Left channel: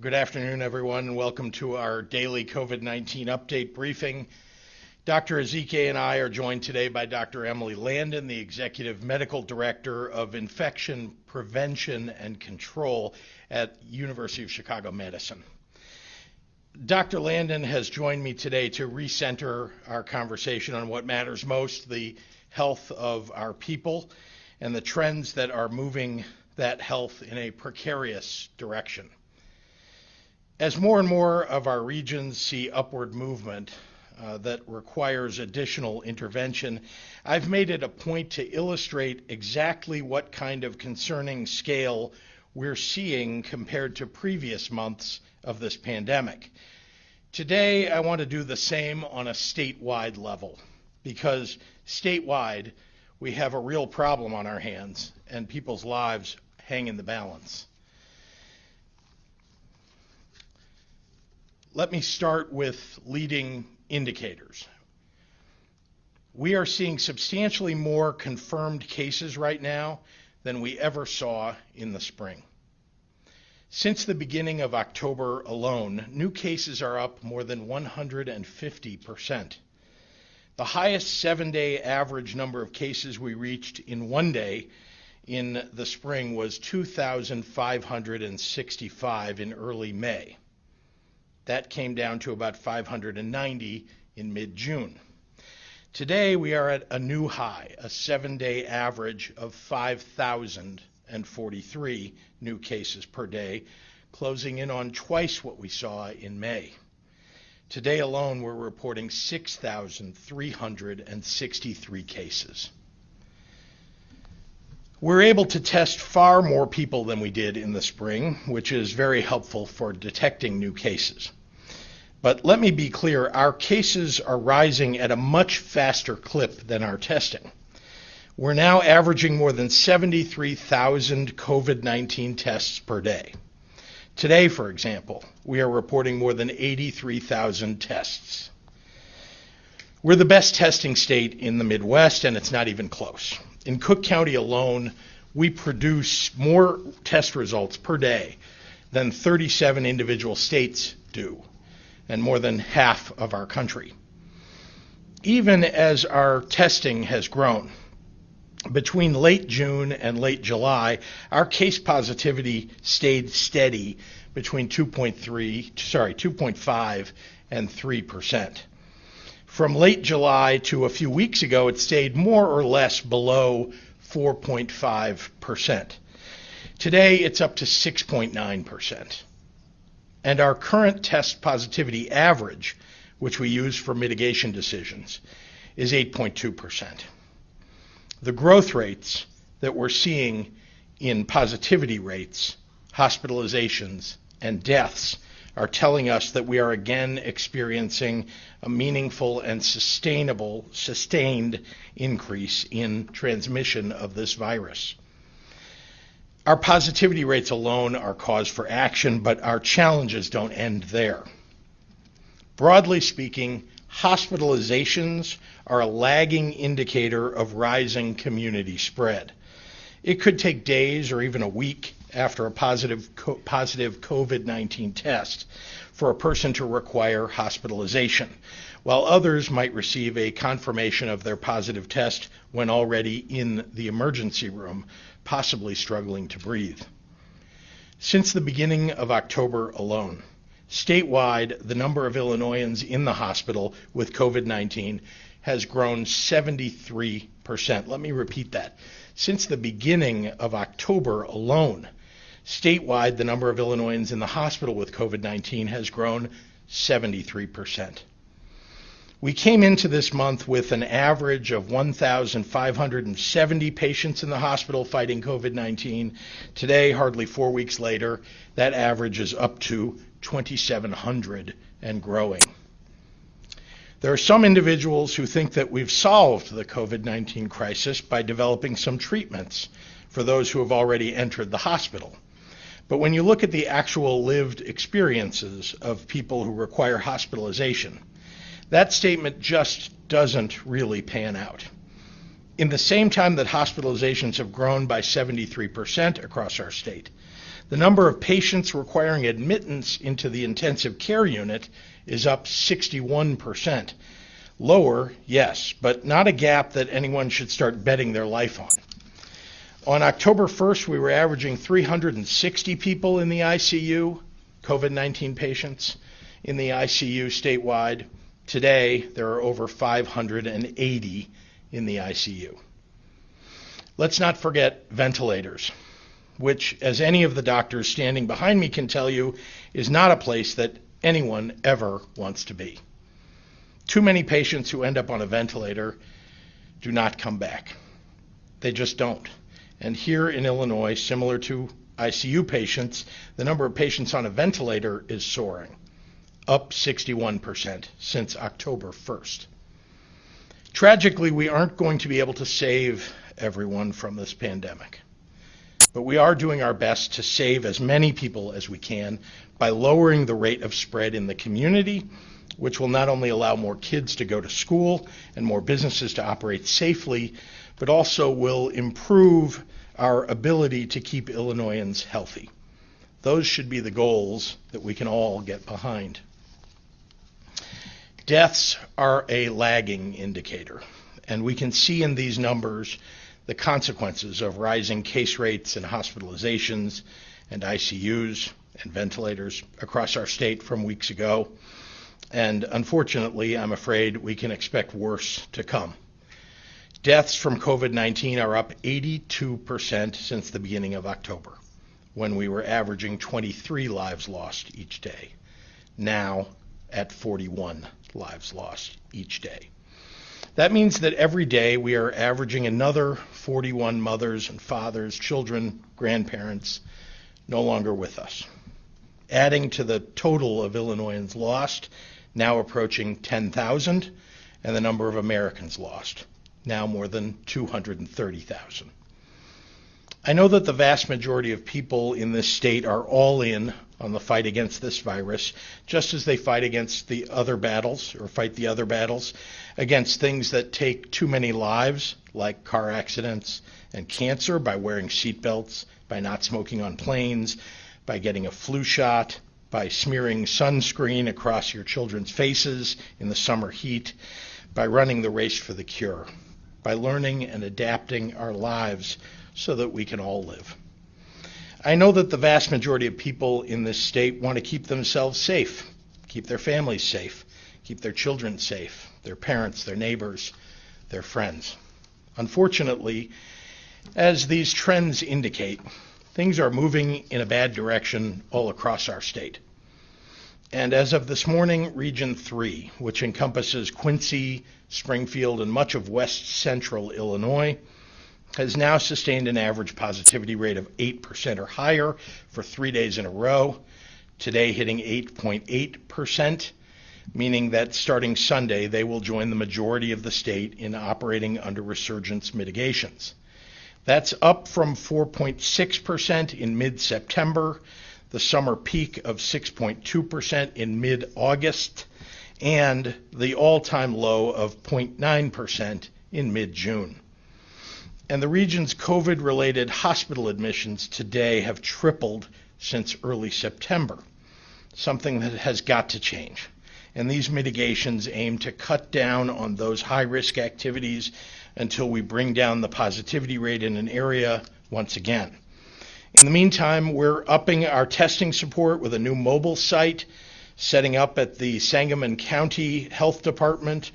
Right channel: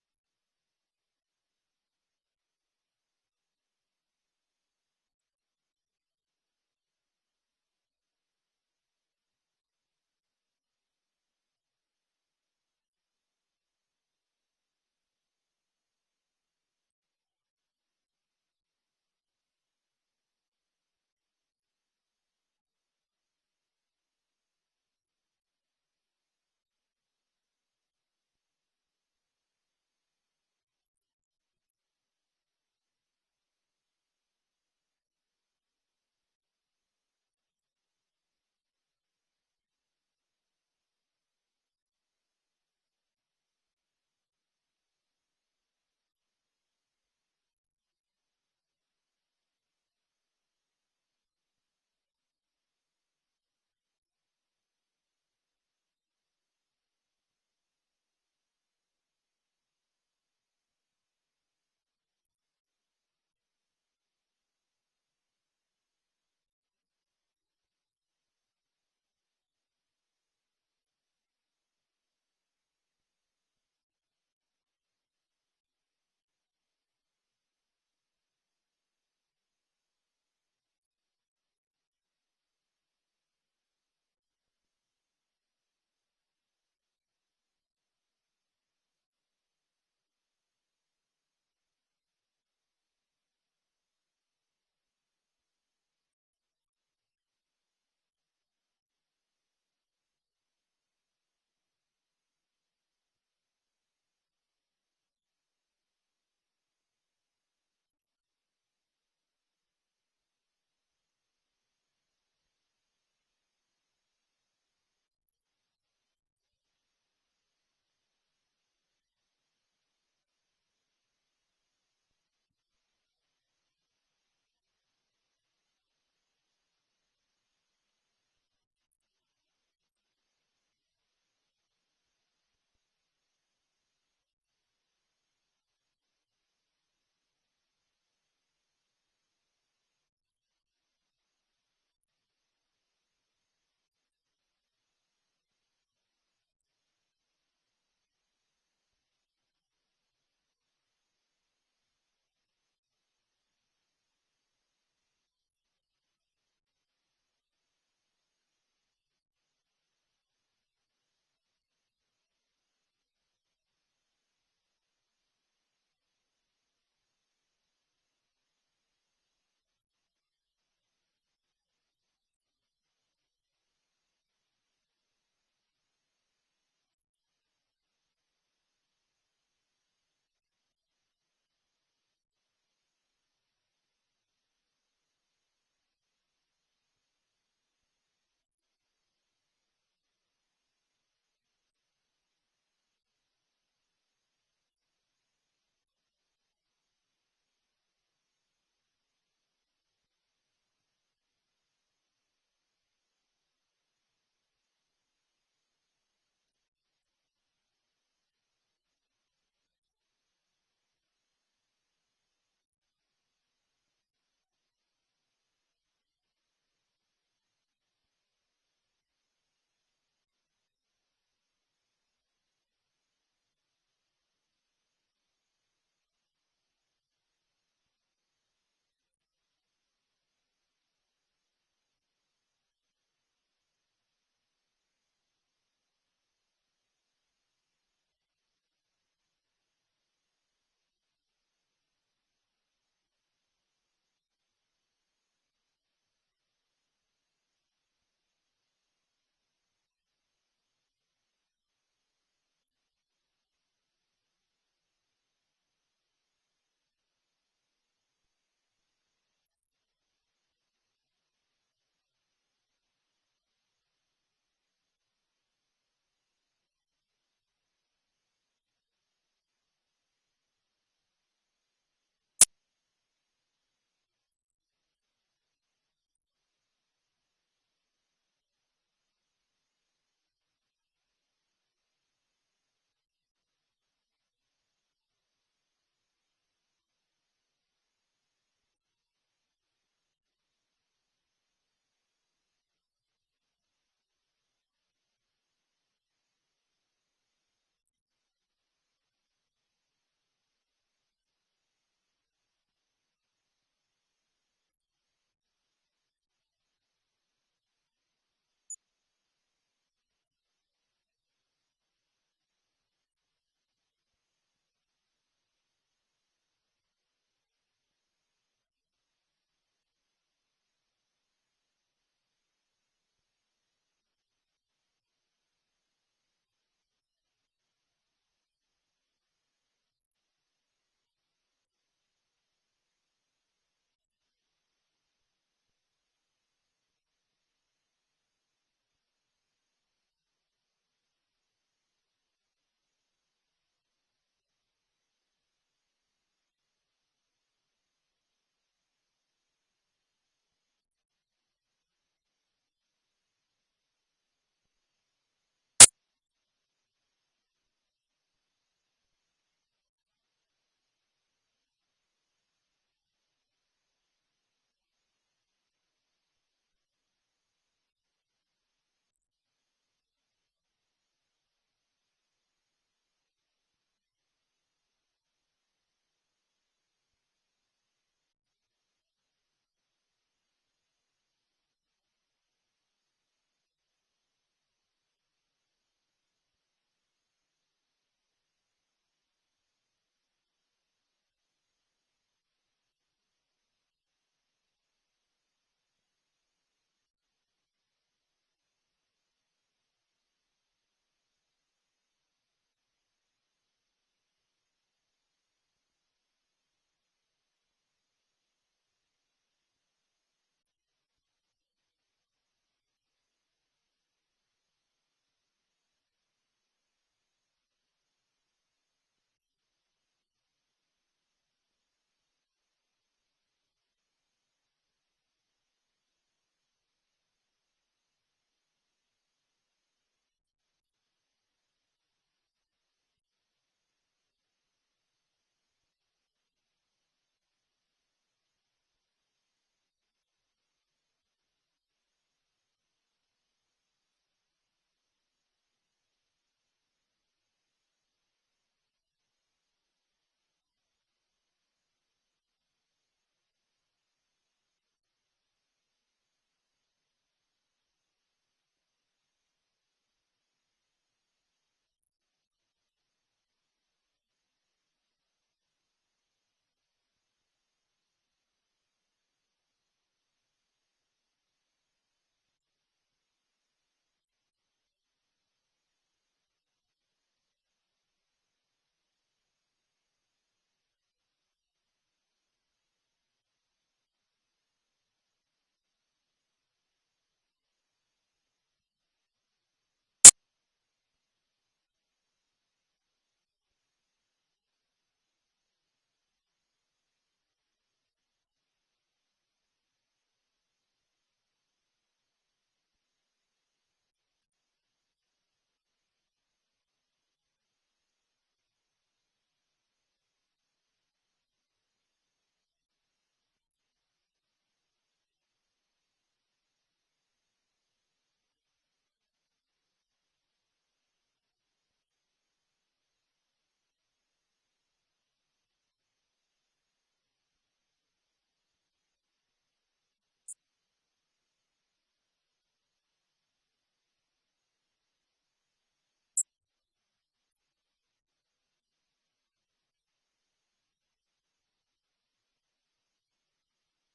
Good afternoon, everyone, and welcome to our daily COVID-19 update briefing. Dr. Ezekiel and I are joined today by Dr. Emily Landon, the Executive Medical Director of Infection Prevention and Control at University of Chicago Medicine. Dr. Landon has joined me today to recenter our conversation on what matters most, the health of our people and the trends that are moving that health in a precarious direction. As more and more of our regions see upward movement that requires additional intervention, I've made it a point to illustrate exactly what kind of concerning scale we're seeing compared to previous months of this pandemic. Today, I want to do the same on a statewide level, because statewide, we have a real problem on our hands and people's lives hang in the balance. Let me start with leading indicators. We are seeing substantially more confirmed cases right now than we ever saw in the spring. Since the beginning of October alone, new cases are up more than 150%. The highest 7-day average number of cases we reached in one day in the spring was 2,565 in early May. That came down to about 590 in mid-June. Today, we are at a new high, a 7-day average of 5,043 new cases per day, closing in on twice what we saw in May. Today alone, we're reporting 6,363 cases. We're able to test far more people than we did in the spring, which is very helpful for detecting new cases. But let me be clear, our cases are rising at a much faster clip than our testing. We're now averaging more than 73,000 COVID-19 tests per day. Today, for example, we are reporting more than 83,000 tests. We're the best testing state in the Midwest, and it's not even close. In Cook County alone, we produce more test results per day than 37 individual states do, and more than half of our country. Even as our testing has grown, between late June and late July, our case positivity stayed steady between 2.5 and 3%. From late July to a few weeks ago, it stayed more or less below 4.5%. Today, it's up to 6.9%. And our current test positivity average, which we use for mitigation decisions, is 8.2%. The growth rates that we're seeing in positivity rates, hospitalizations, and deaths are telling us that we are again experiencing a meaningful and sustained increase in transmission of this virus. Our positivity rates alone are cause for action, but our challenges don't end there. Broadly speaking, hospitalizations are a lagging indicator of rising community spread. It could take days or even a week after a positive COVID-19 test for a person to require hospitalization, while others might receive a confirmation of their positive test when already in the emergency room, possibly struggling to breathe. Since the beginning of October alone, statewide, the number of Illinoisans in the hospital with COVID-19 has grown 73%. Let me repeat that. Since the beginning of October alone, statewide, the number of Illinoisans in the hospital with COVID-19 has grown 73%. We came into this month with an average of 1,570 patients in the hospital fighting COVID-19. Today, hardly 4 weeks later, that average is up to 2,700 and growing. There are some individuals who think that we've solved the COVID-19 crisis by developing some treatments for those who have already entered the hospital. But when you look at the actual lived experiences of people who require hospitalization, that statement just doesn't really pan out. In the same time that hospitalizations have grown by 73% across our state, The number of patients requiring admittance into the intensive care unit is up 61%. Lower, yes, but not a gap that anyone should start betting their life on. On October 1st, we were averaging 360 people in the ICU, COVID-19 patients in the ICU statewide. Today, there are over 580 in the ICU. Let's not forget ventilators, which, as any of the doctors standing behind me can tell you, is not a place that anyone ever wants to be. Too many patients who end up on a ventilator do not come back. They just don't. And here in Illinois, similar to ICU patients, the number of patients on a ventilator is soaring, up 61% since October 1st. Tragically, we aren't going to be able to save everyone from this pandemic, but we are doing our best to save as many people as we can by lowering the rate of spread in the community, which will not only allow more kids to go to school and more businesses to operate safely, but also will improve our ability to keep Illinoisans healthy. Those should be the goals that we can all get behind. Deaths are a lagging indicator, and we can see in these numbers the consequences of rising case rates and hospitalizations and ICUs and ventilators across our state from weeks ago. And unfortunately, I'm afraid we can expect worse to come. Deaths from COVID-19 are up 82% since the beginning of October, when we were averaging 23 lives lost each day. Now at 41 lives lost each day. That means that every day we are averaging another 41 mothers and fathers, children, grandparents no longer with us, adding to the total of Illinoisans lost, now approaching 10,000, and the number of Americans lost, now more than 230,000. I know that the vast majority of people in this state are all in on the fight against this virus, just as they fight against the other battles, or fight the other battles, against things that take too many lives, like car accidents and cancer, by wearing seatbelts, by not smoking on planes, by getting a flu shot, by smearing sunscreen across your children's faces in the summer heat, by running the race for the cure, by learning and adapting our lives so that we can all live. I know that the vast majority of people in this state want to keep themselves safe, keep their families safe, keep their children safe, their parents, their neighbors, their friends. Unfortunately, as these trends indicate, things are moving in a bad direction all across our state. And as of this morning, Region 3, which encompasses Quincy, Springfield, and much of west central Illinois, has now sustained an average positivity rate of 8% or higher for 3 days in a row, today hitting 8.8%, meaning that starting Sunday, they will join the majority of the state in operating under resurgence mitigations. That's up from 4.6% in mid-September, the summer peak of 6.2% in mid-August, and the all-time low of 0.9% in mid-June. And the region's COVID-related hospital admissions today have tripled since early September, something that has got to change. And these mitigations aim to cut down on those high-risk activities until we bring down the positivity rate in an area once again. In the meantime, we're upping our testing support with a new mobile site, setting up at the Sangamon County Health Department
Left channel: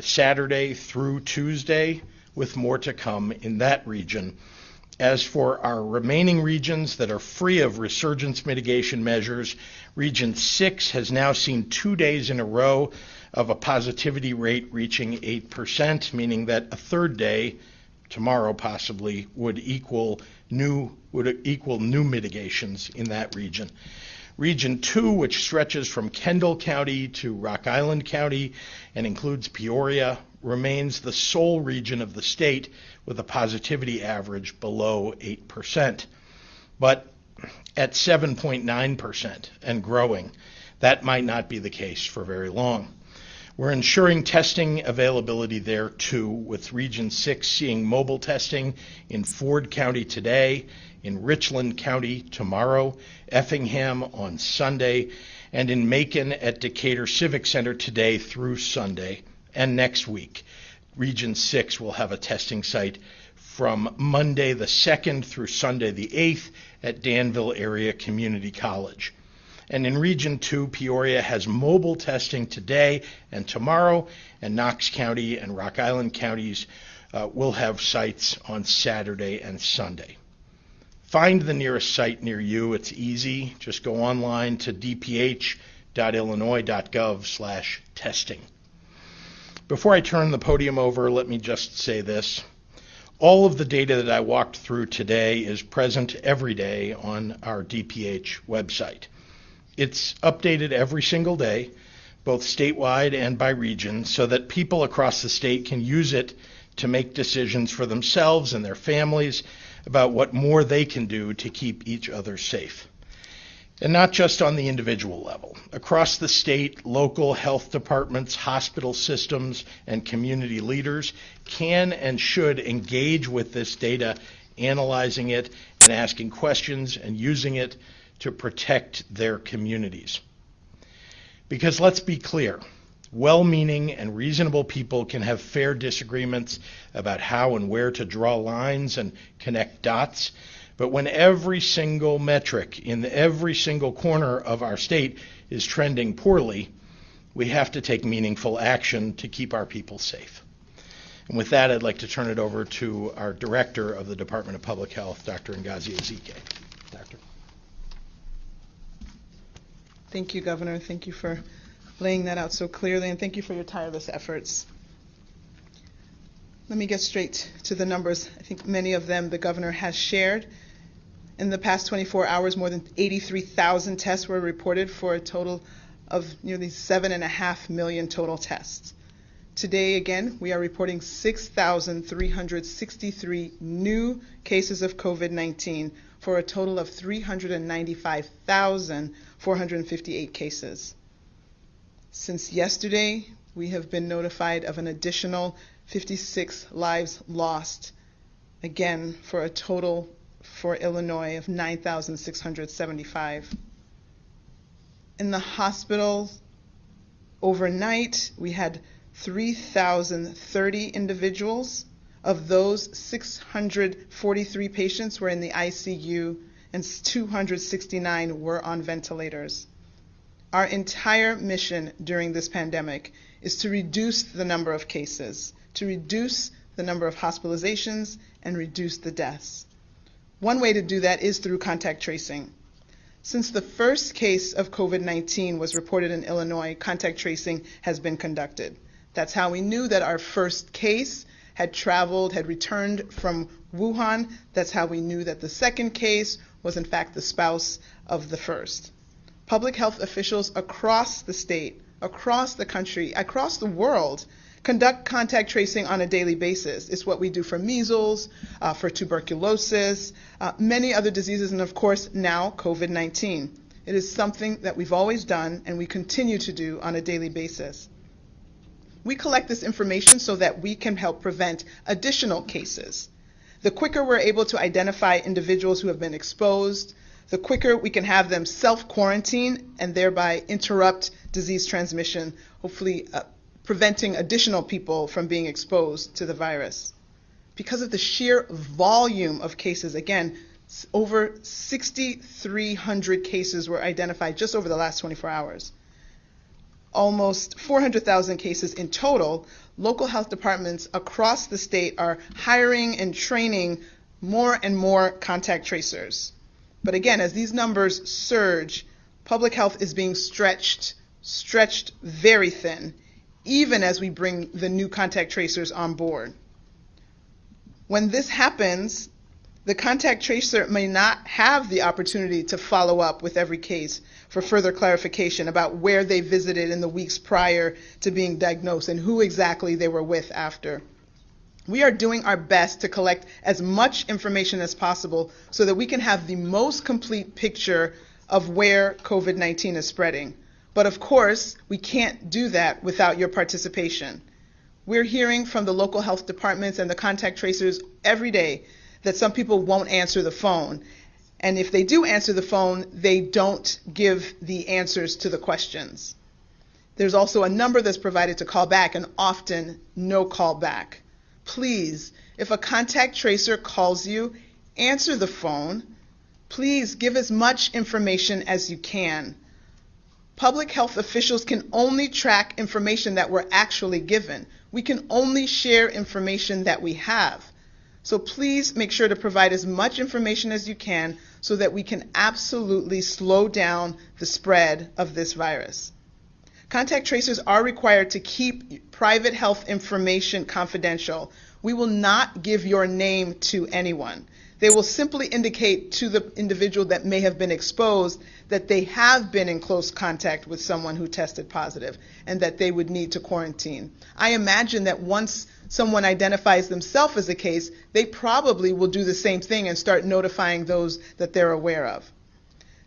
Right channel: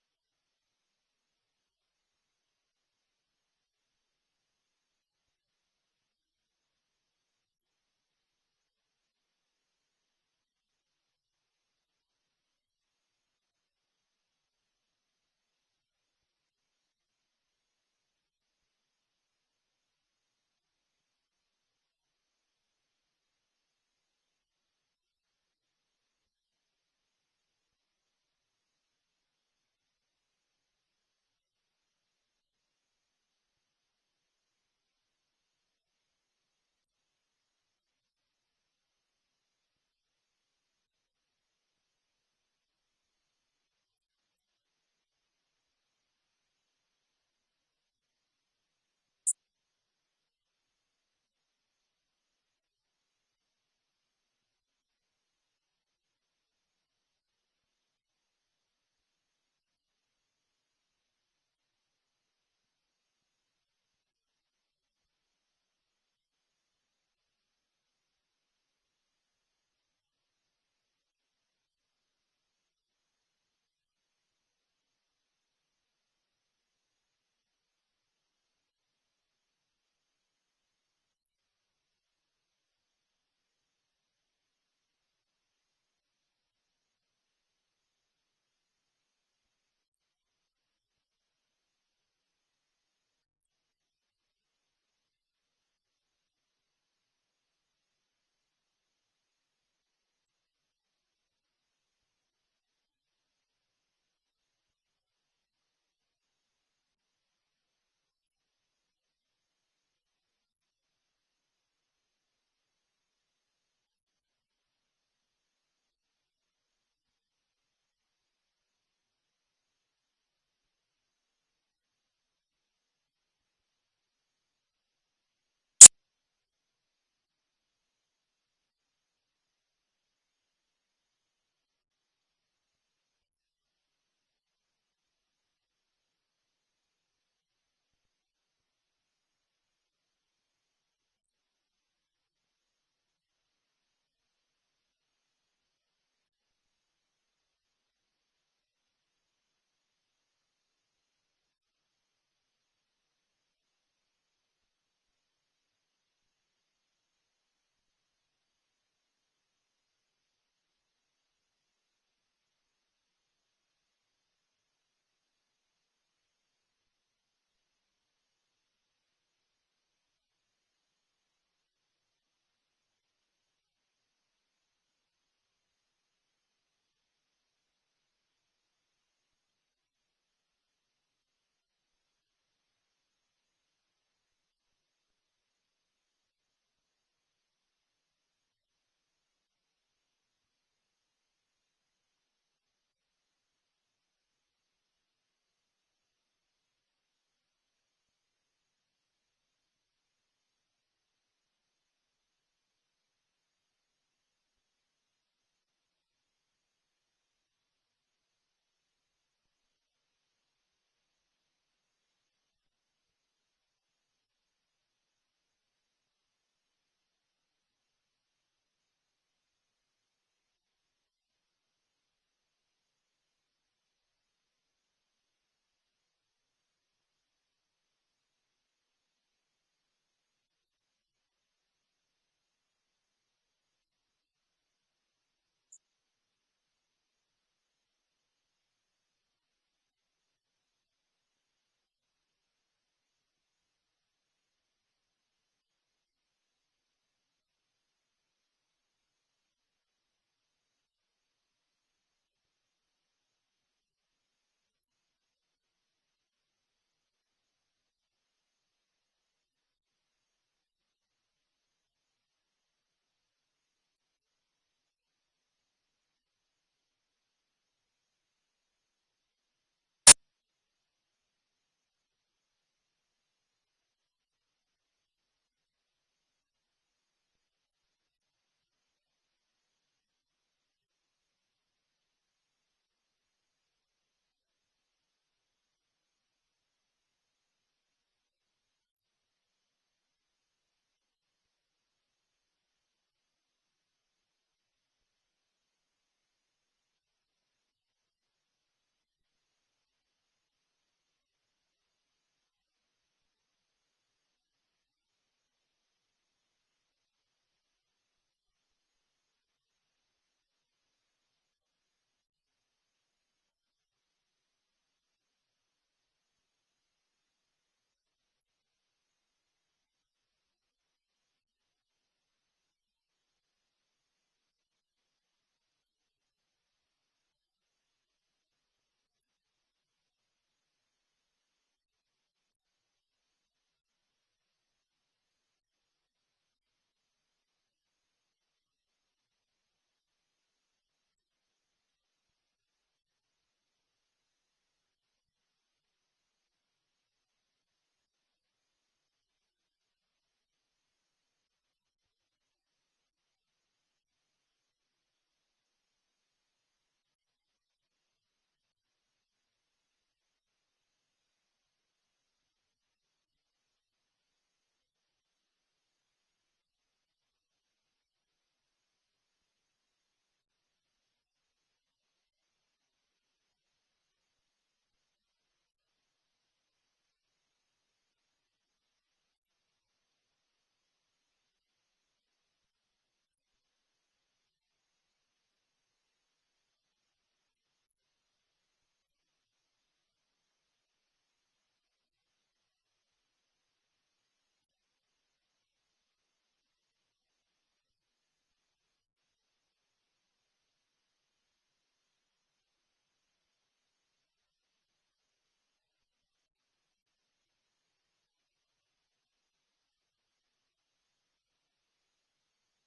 Saturday through Tuesday, with more to come in that region. As for our remaining regions that are free of resurgence mitigation measures, Region 6 has now seen 2 days in a row of a positivity rate reaching 8%, meaning that a third day, tomorrow possibly, would equal new mitigations in that region. Region 2, which stretches from Kendall County to Rock Island County and includes Peoria, remains the sole region of the state with a positivity average below 8%. But at 7.9% and growing, that might not be the case for very long. We're ensuring testing availability there too, with Region 6 seeing mobile testing in Ford County today, in Richland County tomorrow, Effingham on Sunday, and in Macon at Decatur Civic Center today through Sunday and next week. Region 6 will have a testing site from Monday the 2nd through Sunday the 8th at Danville Area Community College. And in Region 2, Peoria has mobile testing today and tomorrow, and Knox County and Rock Island counties will have sites on Saturday and Sunday. Find the nearest site near you. It's easy. Just go online to dph.illinois.gov/testing. Before I turn the podium over, let me just say this. All of the data that I walked through today is present every day on our DPH website. It's updated every single day, both statewide and by region, so that people across the state can use it to make decisions for themselves and their families about what more they can do to keep each other safe. And not just on the individual level. Across the state, local health departments, hospital systems, and community leaders can and should engage with this data, analyzing it and asking questions and using it to protect their communities. Because let's be clear, well-meaning and reasonable people can have fair disagreements about how and where to draw lines and connect dots, but when every single metric in every single corner of our state is trending poorly, we have to take meaningful action to keep our people safe. And with that, I'd like to turn it over to our Director of the Department of Public Health, Dr. Ngazi Ezekiel. Doctor. Thank you, Governor. Thank you for laying that out so clearly, and thank you for your tireless efforts. Let me get straight to the numbers. I think many of them the Governor has shared. In the past 24 hours, more than 83,000 tests were reported for a total of nearly 7.5 million total tests. Today, again, we are reporting 6,363 new cases of COVID-19 for a total of 395,458 cases. Since yesterday, we have been notified of an additional 56 lives lost, again, for a total for Illinois of 9,675. In the hospital, overnight, we had 3,030 individuals. Of those, 643 patients were in the ICU and 269 were on ventilators. Our entire mission during this pandemic is to reduce the number of cases, to reduce the number of hospitalizations, and reduce the deaths. One way to do that is through contact tracing. Since the first case of COVID-19 was reported in Illinois, contact tracing has been conducted. That's how we knew that our first case had returned from Wuhan. That's how we knew that the second case was in fact the spouse of the first. Public health officials across the state, across the country, across the world conduct contact tracing on a daily basis. It's what we do for measles, for tuberculosis, many other diseases, and of course now COVID-19. It is something that we've always done and we continue to do on a daily basis. We collect this information so that we can help prevent additional cases. The quicker we're able to identify individuals who have been exposed, the quicker we can have them self-quarantine and thereby interrupt disease transmission, hopefully preventing additional people from being exposed to the virus. Because of the sheer volume of cases, again, over 6,300 cases were identified just over the last 24 hours. Almost 400,000 cases in total. Local health departments across the state are hiring and training more and more contact tracers. But again, as these numbers surge, public health is being stretched very thin, even as we bring the new contact tracers on board. When this happens, the contact tracer may not have the opportunity to follow up with every case for further clarification about where they visited in the weeks prior to being diagnosed and who exactly they were with after. We are doing our best to collect as much information as possible so that we can have the most complete picture of where COVID-19 is spreading. But of course, we can't do that without your participation. We're hearing from the local health departments and the contact tracers every day that some people won't answer the phone. And if they do answer the phone, they don't give the answers to the questions. There's also a number that's provided to call back, and often no call back. Please, if a contact tracer calls you, answer the phone. Please give as much information as you can. Public health officials can only track information that we're actually given. We can only share information that we have. So please make sure to provide as much information as you can so that we can absolutely slow down the spread of this virus. Contact tracers are required to keep private health information confidential. We will not give your name to anyone. They will simply indicate to the individual that may have been exposed that they have been in close contact with someone who tested positive and that they would need to quarantine. I imagine that once someone identifies themselves as a case, they probably will do the same thing and start notifying those that they're aware of.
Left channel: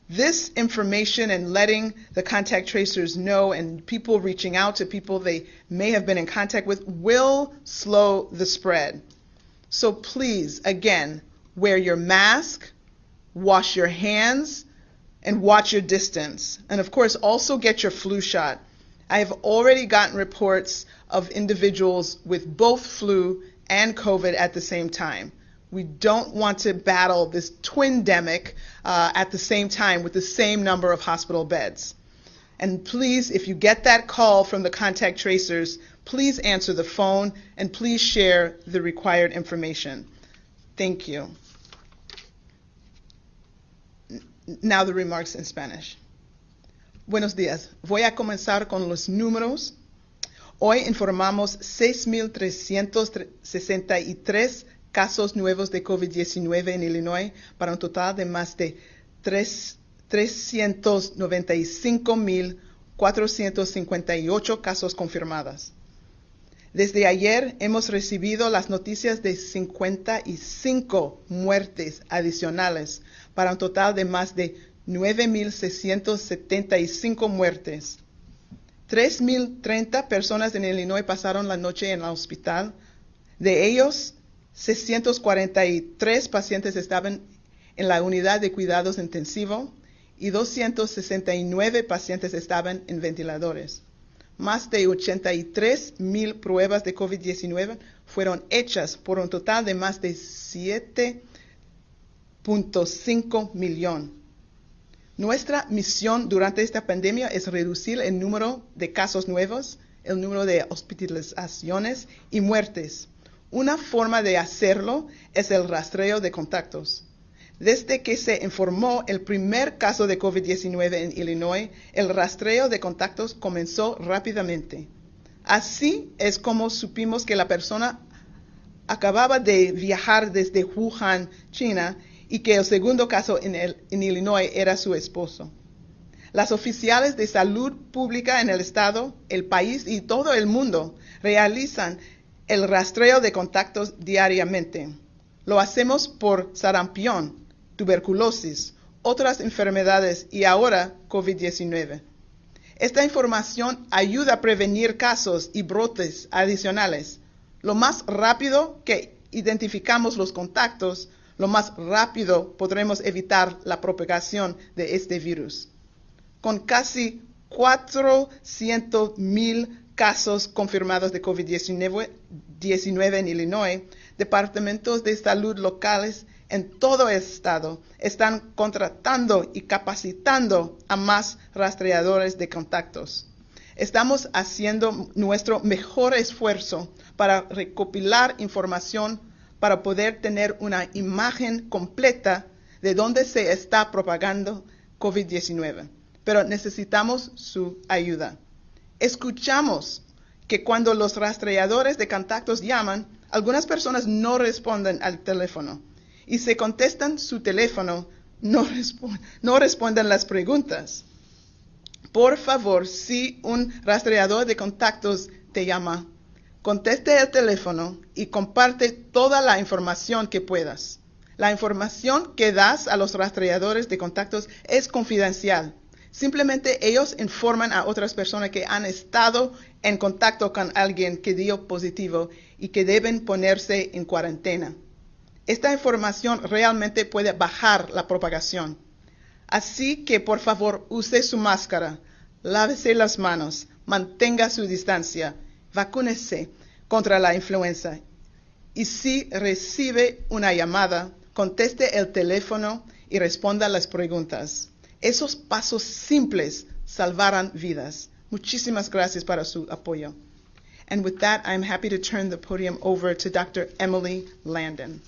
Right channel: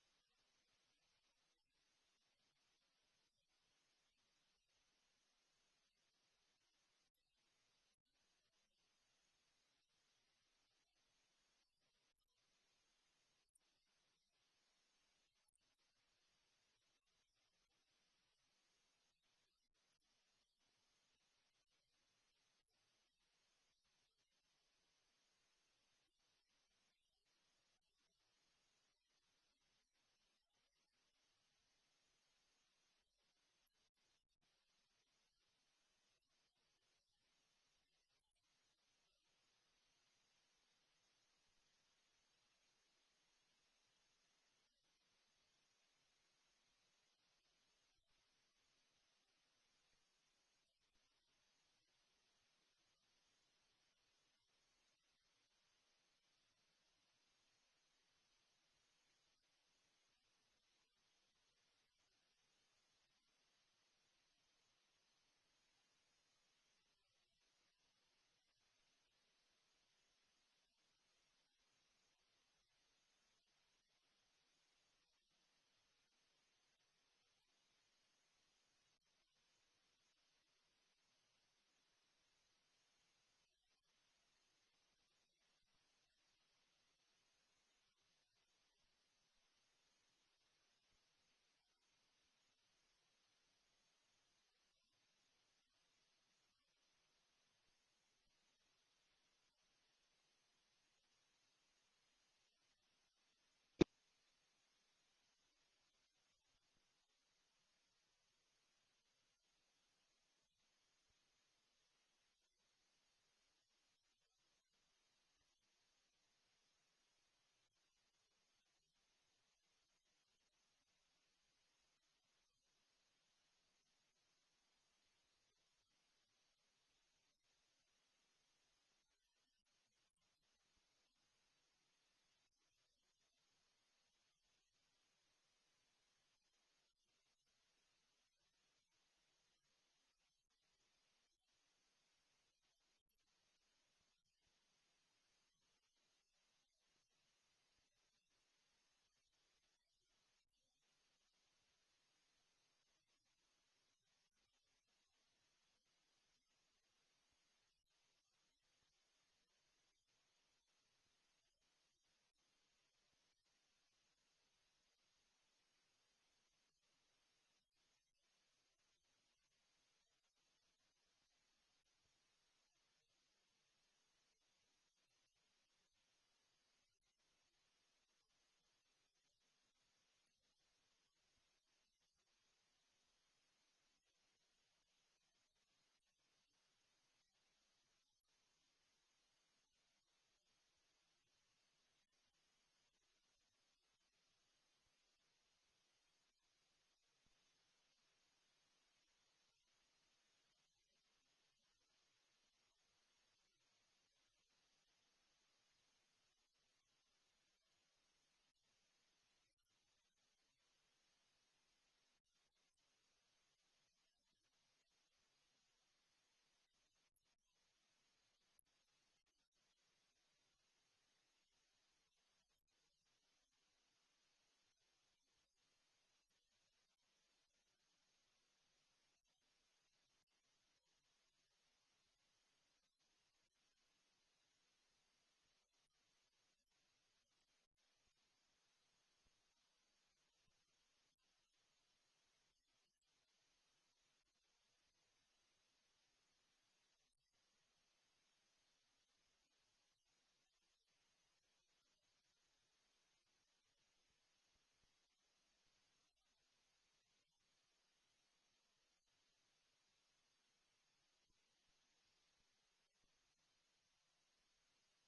This information and letting the contact tracers know and people reaching out to people they may have been in contact with will slow the spread. So please, again, wear your mask, wash your hands, and watch your distance. And of course, also get your flu shot. I have already gotten reports of individuals with both flu and COVID at the same time. We don't want to battle this twindemic at the same time with the same number of hospital beds. And please, if you get that call from the contact tracers, please answer the phone and please share the required information. Thank you. Now the remarks in Spanish. Buenos días. Voy a comenzar con los números. Hoy informamos 6,363 casos nuevos de COVID-19 en Illinois para un total de más de 395,458 casos confirmados. Desde ayer hemos recibido las noticias de 55 muertes adicionales para un total de más de 9,675 muertes. 3,030 personas en Illinois pasaron la noche en el hospital. De ellos, 643 pacientes estaban en la unidad de cuidados intensivos y 269 pacientes estaban en ventiladores. Más de 83,000 pruebas de COVID-19 fueron hechas por un total de más de 7.5 millones. Nuestra misión durante esta pandemia es reducir el número de casos nuevos, el número de hospitalizaciones y muertes. Una forma de hacerlo es el rastreo de contactos. Desde que se informó el primer caso de COVID-19 en Illinois, el rastreo de contactos comenzó rápidamente. Así es como supimos que la persona acababa de viajar desde Wuhan, China, y que el segundo caso en Illinois era su esposo. Las oficiales de salud pública en el estado, el país y todo el mundo realizan el rastreo de contactos diariamente. Lo hacemos por sarampión, tuberculosis, otras enfermedades y ahora COVID-19. Esta información ayuda a prevenir casos y brotes adicionales. Lo más rápido que identificamos los contactos, lo más rápido podremos evitar la propagación de este virus. Con casi 400,000 casos confirmados de COVID-19 en Illinois, departamentos de salud locales en todo el estado están contratando y capacitando a más rastreadores de contactos. Estamos haciendo nuestro mejor esfuerzo para recopilar información para poder tener una imagen completa de dónde se está propagando COVID-19. Pero necesitamos su ayuda. Escuchamos que cuando los rastreadores de contactos llaman, algunas personas no responden al teléfono. Y si contestan su teléfono, no responden las preguntas. Por favor, si un rastreador de contactos te llama, conteste el teléfono y comparte toda la información que puedas. La información que das a los rastreadores de contactos es confidencial. Simplemente ellos informan a otras personas que han estado en contacto con alguien que dio positivo y que deben ponerse en cuarentena. Esta información realmente puede bajar la propagación. Así que, por favor, use su máscara, lávese las manos, mantenga su distancia, vacúnese contra la influenza. Y si recibe una llamada, conteste el teléfono y responda las preguntas. Esos pasos simples salvarán vidas. Muchísimas gracias para su apoyo. And with that, I'm happy to turn the podium over to Dr. Emily Landon.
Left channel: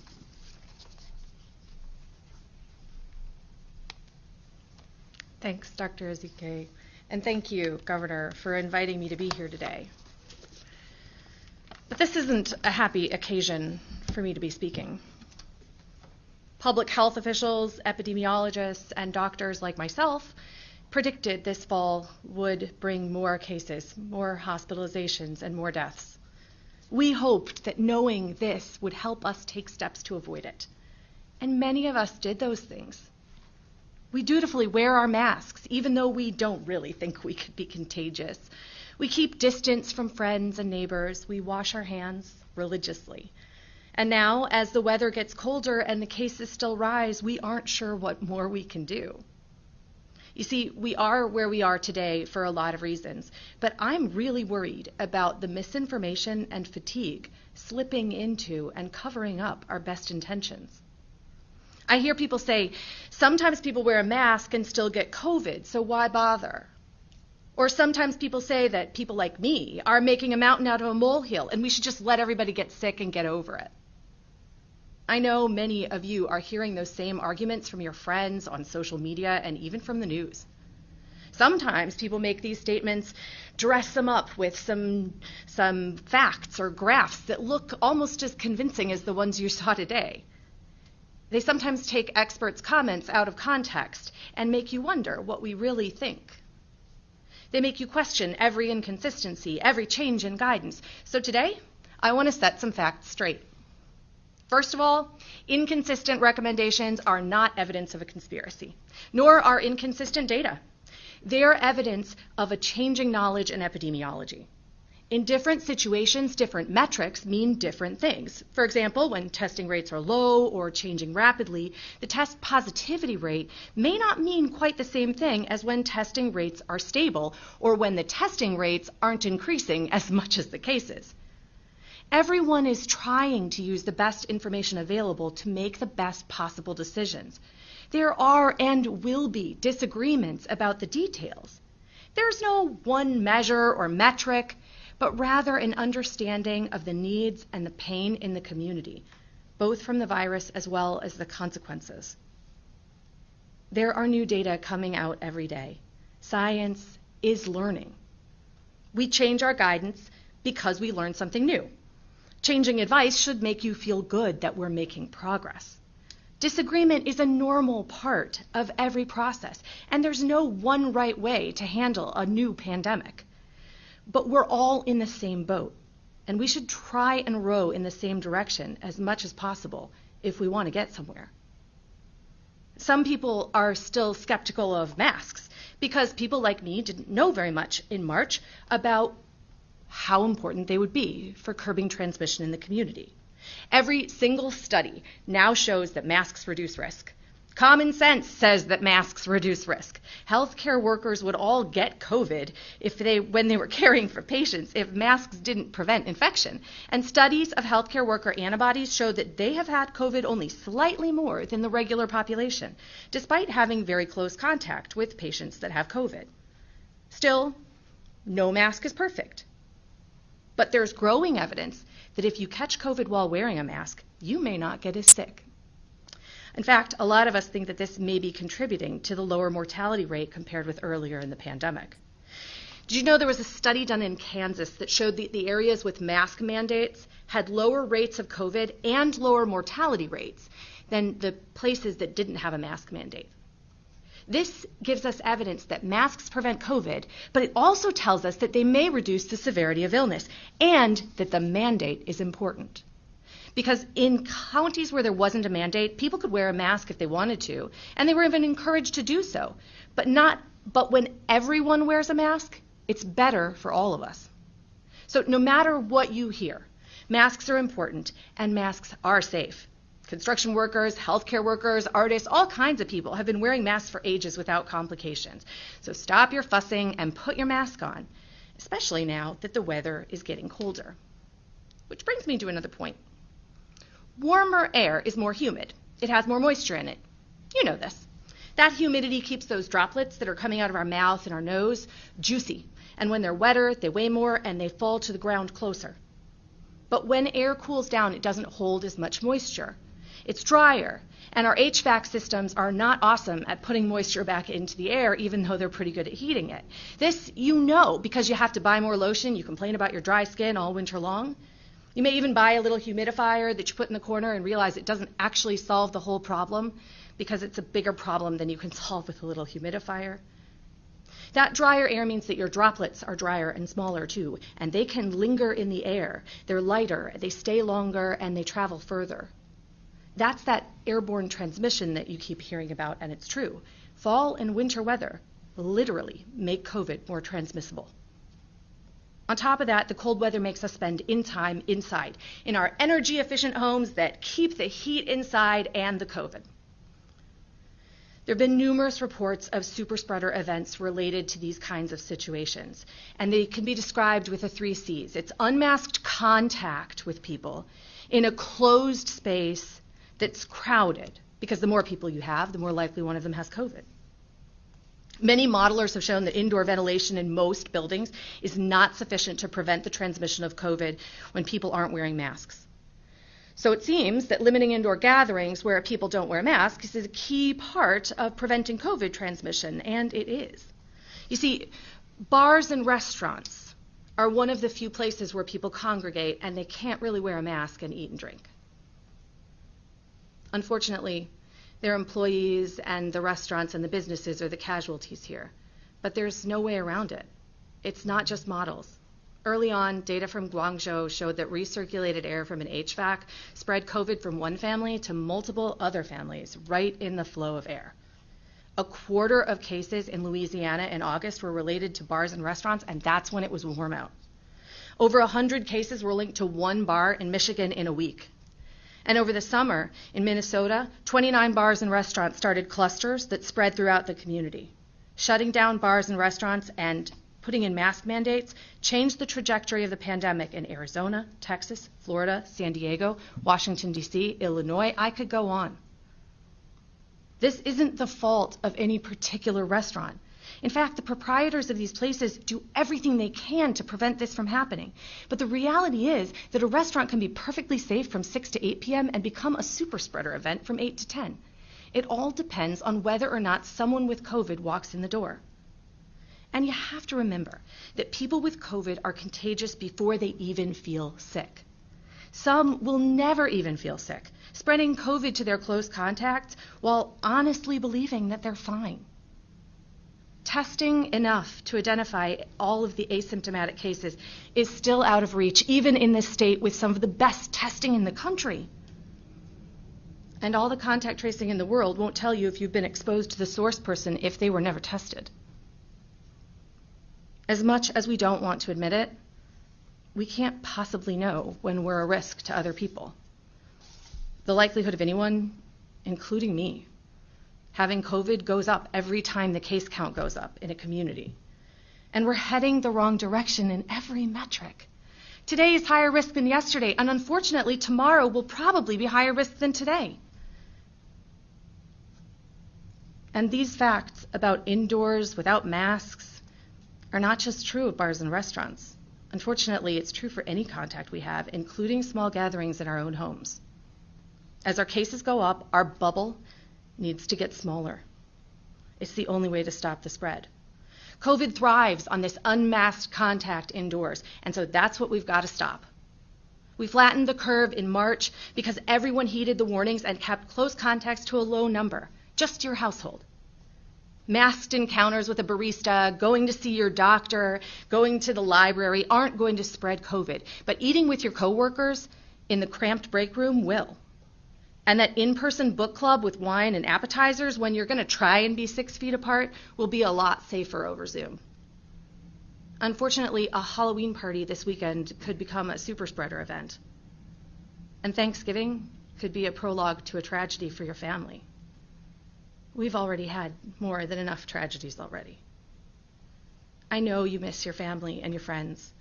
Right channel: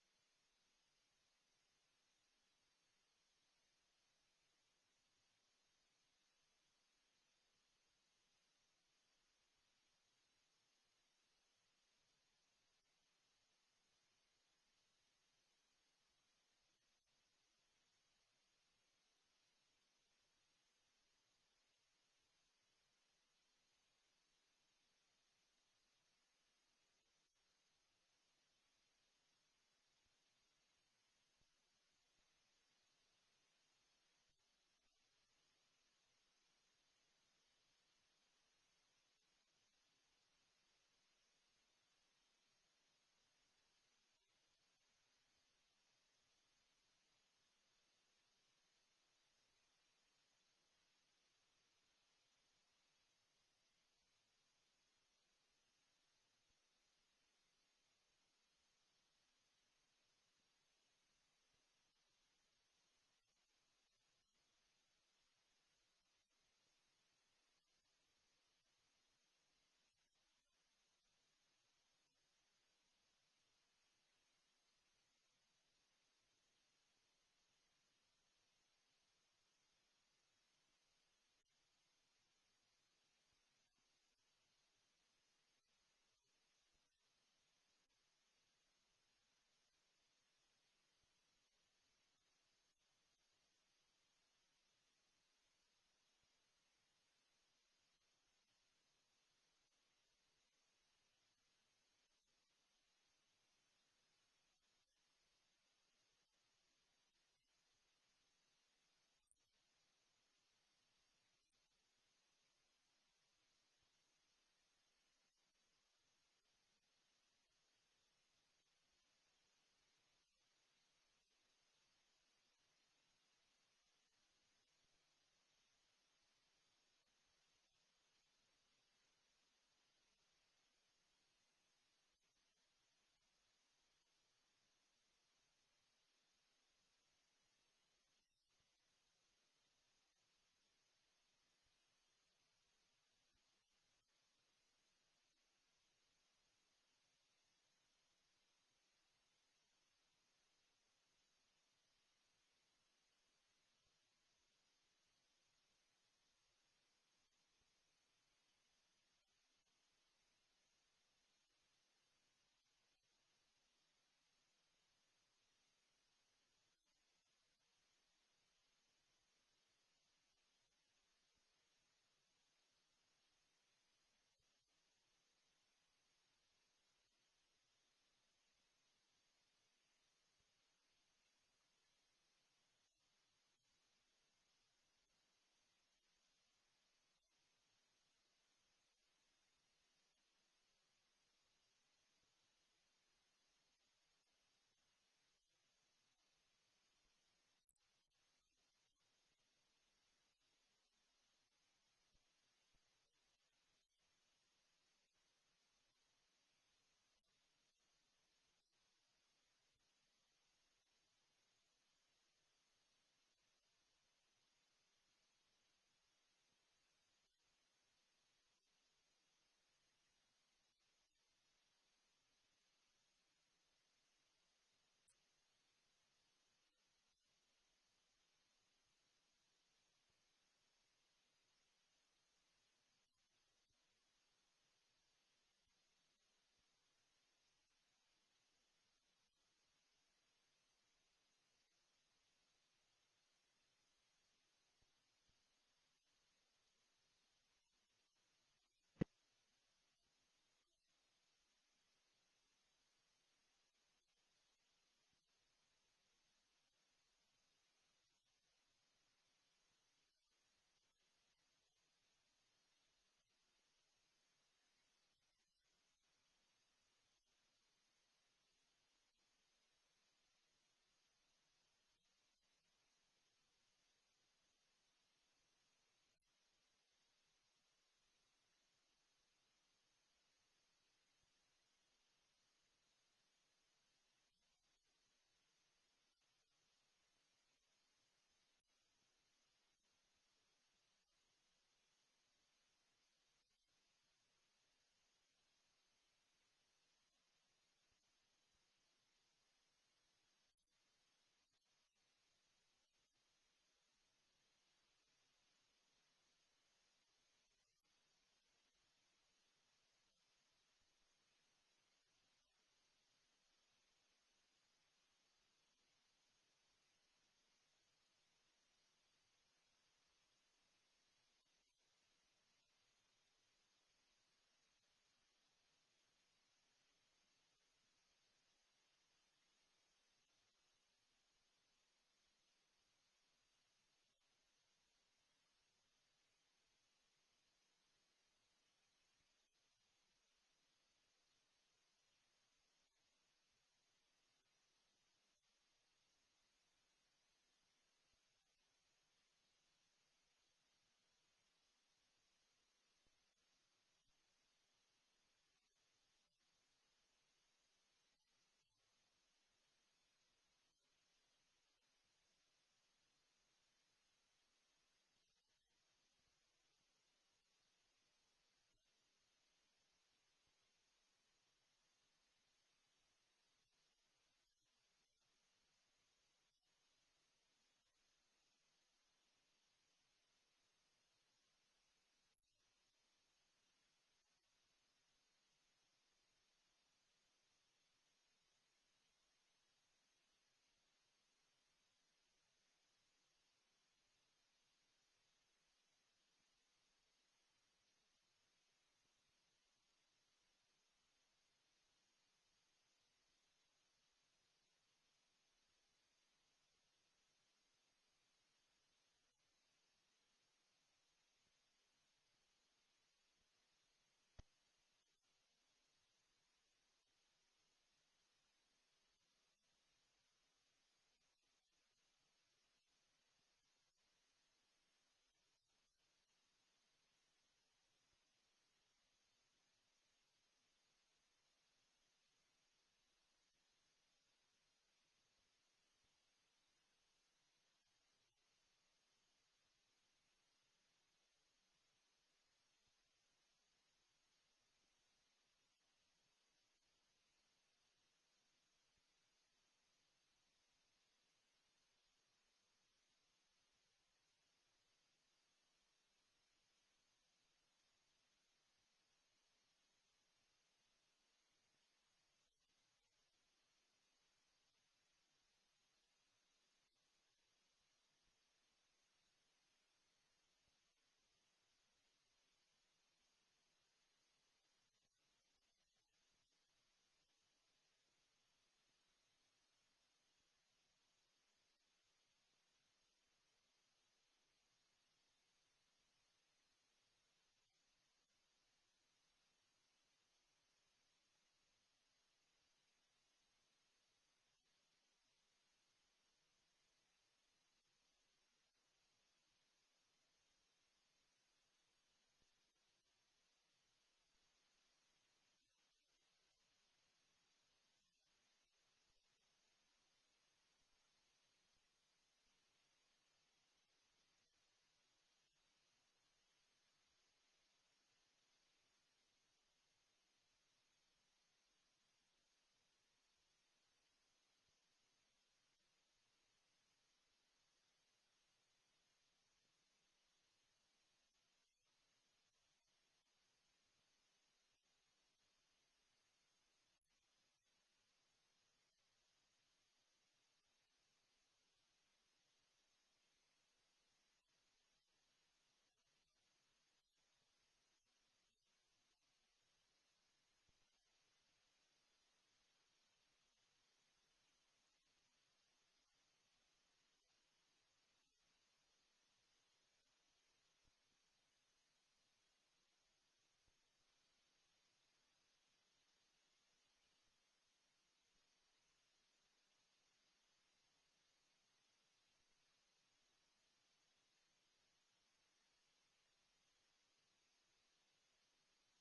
Thanks, Dr. Ezekiel. And thank you, Governor, for inviting me to be here today. But this isn't a happy occasion for me to be speaking. Public health officials, epidemiologists, and doctors like myself predicted this fall would bring more cases, more hospitalizations, and more deaths. We hoped that knowing this would help us take steps to avoid it. And many of us did those things. We dutifully wear our masks, even though we don't really think we could be contagious. We keep distance from friends and neighbors. We wash our hands religiously. And now, as the weather gets colder and the cases still rise, we aren't sure what more we can do. You see, we are where we are today for a lot of reasons, but I'm really worried about the misinformation and fatigue slipping into and covering up our best intentions. I hear people say, sometimes people wear a mask and still get COVID, so why bother? Or sometimes people say that people like me are making a mountain out of a molehill and we should just let everybody get sick and get over it. I know many of you are hearing those same arguments from your friends on social media and even from the news. Sometimes people make these statements, dress them up with some facts or graphs that look almost as convincing as the ones you saw today. They sometimes take experts' comments out of context and make you wonder what we really think. They make you question every inconsistency, every change in guidance. So today, I want to set some facts straight. First of all, inconsistent recommendations are not evidence of a conspiracy, nor are inconsistent data. They are evidence of a changing knowledge in epidemiology. In different situations, different metrics mean different things. For example, when testing rates are low or changing rapidly, the test positivity rate may not mean quite the same thing as when testing rates are stable or when the testing rates aren't increasing as much as the cases. Everyone is trying to use the best information available to make the best possible decisions. There are and will be disagreements about the details. There's no one measure or metric, but rather an understanding of the needs and the pain in the community, both from the virus as well as the consequences. There are new data coming out every day. Science is learning. We change our guidance because we learn something new. Changing advice should make you feel good that we're making progress. Disagreement is a normal part of every process, and there's no one right way to handle a new pandemic. But we're all in the same boat, and we should try and row in the same direction as much as possible if we want to get somewhere. Some people are still skeptical of masks because people like me didn't know very much in March about how important they would be for curbing transmission in the community. Every single study now shows that masks reduce risk. Common sense says that masks reduce risk. Healthcare workers would all get COVID when they were caring for patients if masks didn't prevent infection. And studies of healthcare worker antibodies show that they have had COVID only slightly more than the regular population, despite having very close contact with patients that have COVID. Still, no mask is perfect. But there's growing evidence that if you catch COVID while wearing a mask, you may not get as sick. In fact, a lot of us think that this may be contributing to the lower mortality rate compared with earlier in the pandemic. Did you know there was a study done in Kansas that showed that the areas with mask mandates had lower rates of COVID and lower mortality rates than the places that didn't have a mask mandate? This gives us evidence that masks prevent COVID, but it also tells us that they may reduce the severity of illness and that the mandate is important. Because in counties where there wasn't a mandate, people could wear a mask if they wanted to, and they were even encouraged to do so. But when everyone wears a mask, it's better for all of us. So no matter what you hear, masks are important and masks are safe. Construction workers, healthcare workers, artists, all kinds of people have been wearing masks for ages without complications. So stop your fussing and put your mask on, especially now that the weather is getting colder. Which brings me to another point. Warmer air is more humid. It has more moisture in it. You know this. That humidity keeps those droplets that are coming out of our mouth and our nose juicy. And when they're wetter, they weigh more and they fall to the ground closer. But when air cools down, it doesn't hold as much moisture. It's drier, and our HVAC systems are not awesome at putting moisture back into the air, even though they're pretty good at heating it. This you know because you have to buy more lotion. You complain about your dry skin all winter long. You may even buy a little humidifier that you put in the corner and realize it doesn't actually solve the whole problem because it's a bigger problem than you can solve with a little humidifier. That drier air means that your droplets are drier and smaller too, and they can linger in the air. They're lighter, they stay longer, and they travel further. That's that airborne transmission that you keep hearing about, and it's true. Fall and winter weather literally make COVID more transmissible. On top of that, the cold weather makes us spend time inside, in our energy-efficient homes that keep the heat inside and the COVID. There have been numerous reports of super spreader events related to these kinds of situations, and they can be described with the 3 C's. It's unmasked contact with people in a closed space that's crowded, because the more people you have, the more likely one of them has COVID. Many modelers have shown that indoor ventilation in most buildings is not sufficient to prevent the transmission of COVID when people aren't wearing masks. So it seems that limiting indoor gatherings where people don't wear masks is a key part of preventing COVID transmission, and it is. You see, bars and restaurants are one of the few places where people congregate and they can't really wear a mask and eat and drink. Unfortunately, their employees and the restaurants and the businesses are the casualties here, but there's no way around it. It's not just models. Early on, data from Guangzhou showed that recirculated air from an HVAC spread COVID from one family to multiple other families right in the flow of air. 1/4 of cases in Louisiana in August were related to bars and restaurants, and that's when it was warm out. Over 100 cases were linked to one bar in Michigan in a week. And over the summer in Minnesota, 29 bars and restaurants started clusters that spread throughout the community. Shutting down bars and restaurants and putting in mask mandates changed the trajectory of the pandemic in Arizona, Texas, Florida, San Diego, Washington, D.C., Illinois. I could go on. This isn't the fault of any particular restaurant. In fact, the proprietors of these places do everything they can to prevent this from happening. But the reality is that a restaurant can be perfectly safe from 6 to 8 p.m. and become a super spreader event from 8 to 10. It all depends on whether or not someone with COVID walks in the door. And you have to remember that people with COVID are contagious before they even feel sick. Some will never even feel sick, spreading COVID to their close contacts while honestly believing that they're fine. Testing enough to identify all of the asymptomatic cases is still out of reach, even in this state with some of the best testing in the country. And all the contact tracing in the world won't tell you if you've been exposed to the source person if they were never tested. As much as we don't want to admit it, we can't possibly know when we're a risk to other people. The likelihood of anyone, including me, having COVID goes up every time the case count goes up in a community. And we're heading the wrong direction in every metric. Today is higher risk than yesterday, and unfortunately, tomorrow will probably be higher risk than today. And these facts about indoors without masks are not just true of bars and restaurants. Unfortunately, it's true for any contact we have, including small gatherings in our own homes. As our cases go up, our bubble needs to get smaller. It's the only way to stop the spread. COVID thrives on this unmasked contact indoors, and so that's what we've got to stop. We flattened the curve in March because everyone heeded the warnings and kept close contacts to a low number, just your household. Masked encounters with a barista, going to see your doctor, going to the library aren't going to spread COVID, but eating with your coworkers in the cramped break room will. And that in-person book club with wine and appetizers when you're going to try and be 6 feet apart will be a lot safer over Zoom. Unfortunately, a Halloween party this weekend could become a super spreader event. And Thanksgiving could be a prologue to a tragedy for your family. We've already had more than enough tragedies already. I know you miss your family and your friends.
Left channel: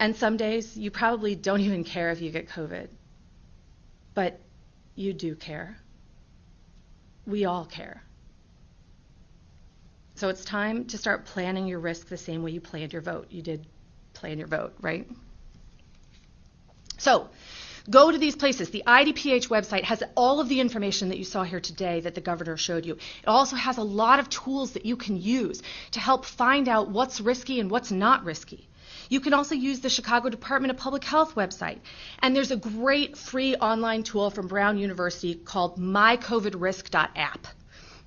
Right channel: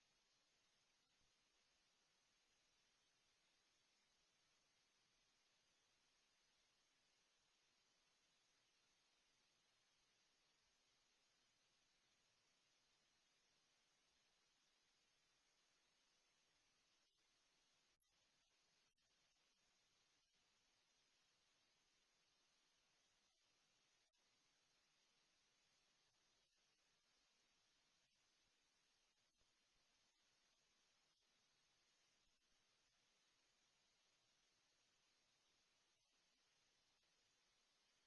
And some days you probably don't even care if you get COVID. But you do care. We all care. So it's time to start planning your risk the same way you planned your vote. You did plan your vote, right? So go to these places. The IDPH website has all of the information that you saw here today that the governor showed you. It also has a lot of tools that you can use to help find out what's risky and what's not risky. You can also use the Chicago Department of Public Health website. And there's a great free online tool from Brown University called mycovidrisk.app.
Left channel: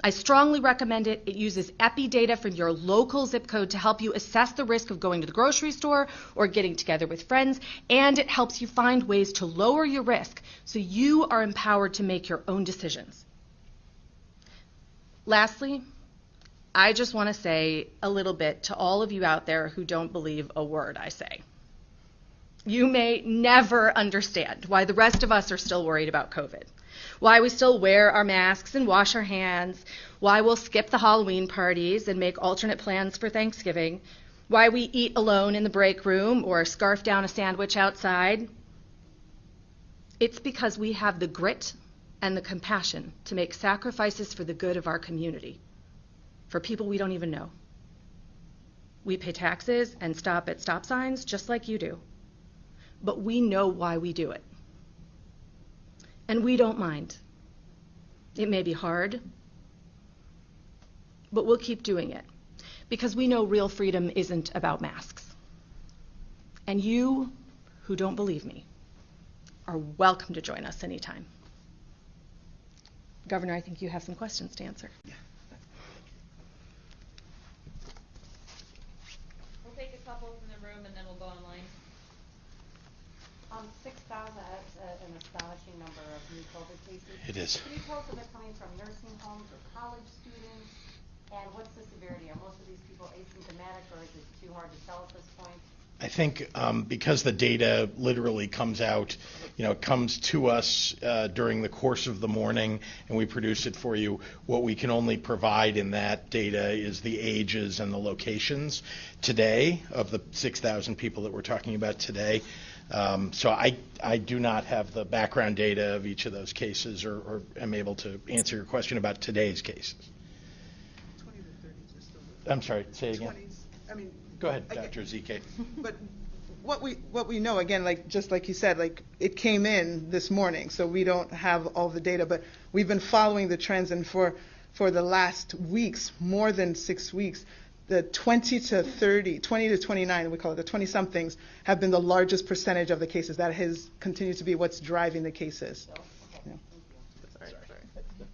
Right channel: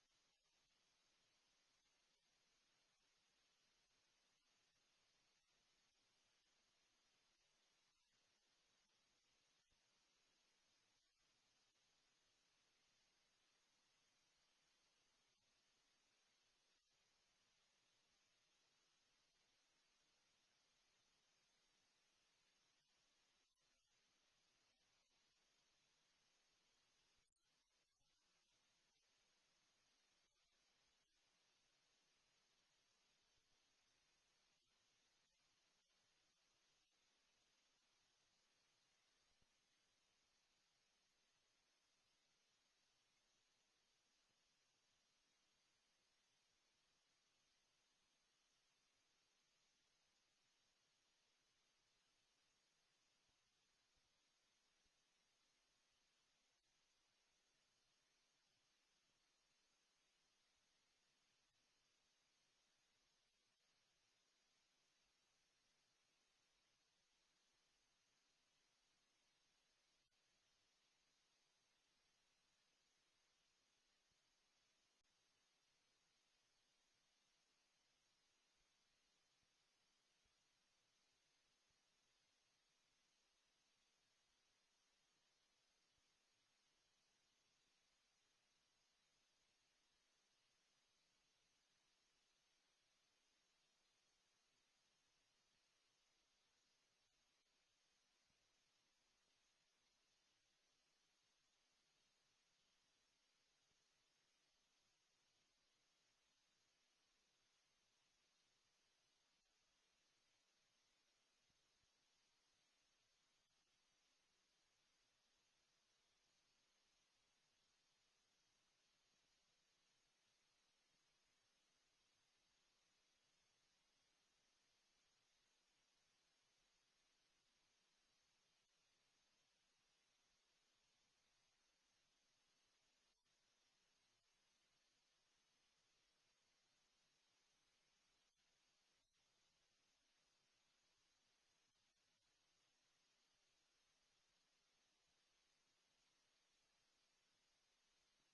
I strongly recommend it. It uses epi data from your local zip code to help you assess the risk of going to the grocery store or getting together with friends, and it helps you find ways to lower your risk so you are empowered to make your own decisions. Lastly, I just want to say a little bit to all of you out there who don't believe a word I say. You may never understand why the rest of us are still worried about COVID. Why we still wear our masks and wash our hands, why we'll skip the Halloween parties and make alternate plans for Thanksgiving, why we eat alone in the break room or scarf down a sandwich outside. It's because we have the grit and the compassion to make sacrifices for the good of our community, for people we don't even know. We pay taxes and stop at stop signs just like you do, but we know why we do it. And we don't mind. It may be hard, but we'll keep doing it because we know real freedom isn't about masks. And you who don't believe me are welcome to join us anytime. Governor, I think you have some questions to answer. We'll take a couple from the room and then we'll go online. 6,000, that's an astonishing number of new COVID cases. It is. Can you tell us if they're coming from nursing homes or college students? And what's the severity? Are most of these people asymptomatic, or is it too hard to tell at this point? I think because the data literally comes out, it comes to us during the course of the morning, and we produce it for you. What we can only provide in that data is the ages and the locations today of the 6,000 people that we're talking about today. So I do not have the background data of each of those cases or am able to answer your question about today's cases. 20 to 30s are still. I'm sorry, say it again. 20s. I mean, go ahead, Dr. Ezekiel. But what we know, again, just like you said, it came in this morning, so we don't have all the data, but we've been following the trends, and for the last weeks, more than 6 weeks, the 20 to 29, we call it the 20-somethings, have been the largest percentage of the cases. That has continued to be what's driving the cases. Okay. Yeah. Thank you.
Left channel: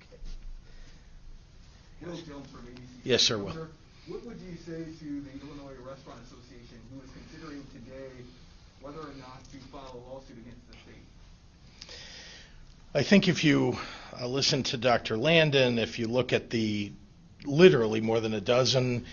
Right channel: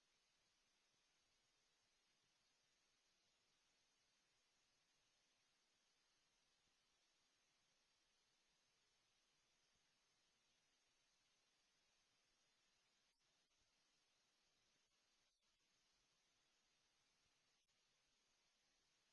Will Jones from ABC. Yes, sir, Will. Governor, what would you say to the Illinois Restaurant Association, who is considering today whether or not to file a lawsuit against the state? I think if you listen to Dr. Landon, if you look at the literally more than a dozen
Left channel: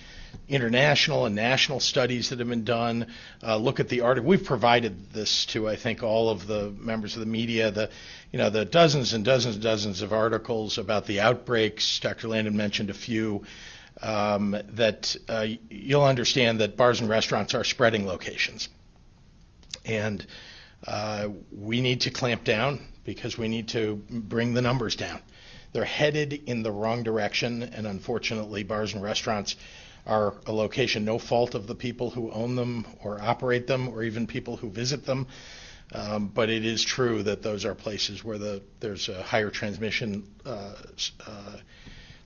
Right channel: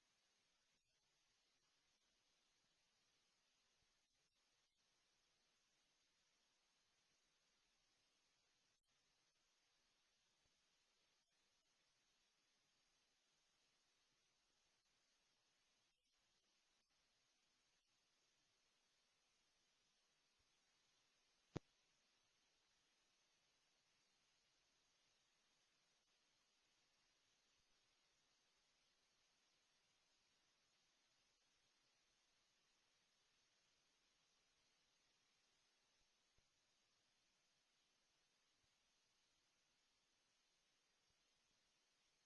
international and national studies that have been done, look at the article. We've provided this to, I think, all of the members of the media, the dozens and dozens and dozens of articles about the outbreaks. Dr. Landon mentioned a few, that you'll understand that bars and restaurants are spreading locations. And we need to clamp down because we need to bring the numbers down. They're headed in the wrong direction, and unfortunately, bars and restaurants are a location, no fault of the people who own them or operate them or even people who visit them. But it is true that those are places where there's a higher transmission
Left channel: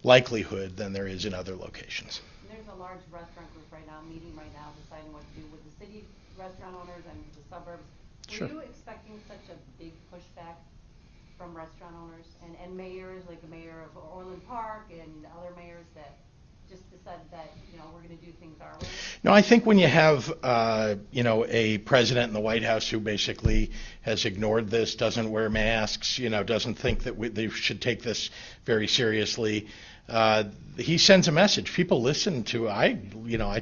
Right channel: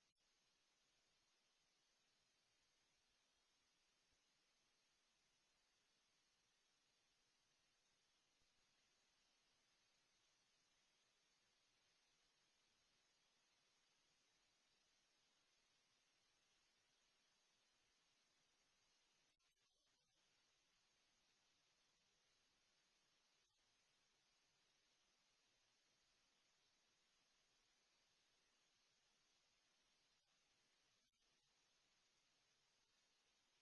likelihood than there is in other locations. There's a large restaurant group meeting right now, deciding what to do with the city restaurant owners and the suburbs. Sure. Were you expecting such a big pushback from restaurant owners and mayors, like the mayor of Orland Park and other mayors that just decided that, we're going to do things our way? No, I think when you have, a president in the White House who basically has ignored this, doesn't wear masks, doesn't think that they should take this very seriously, he sends a message. People listen to, I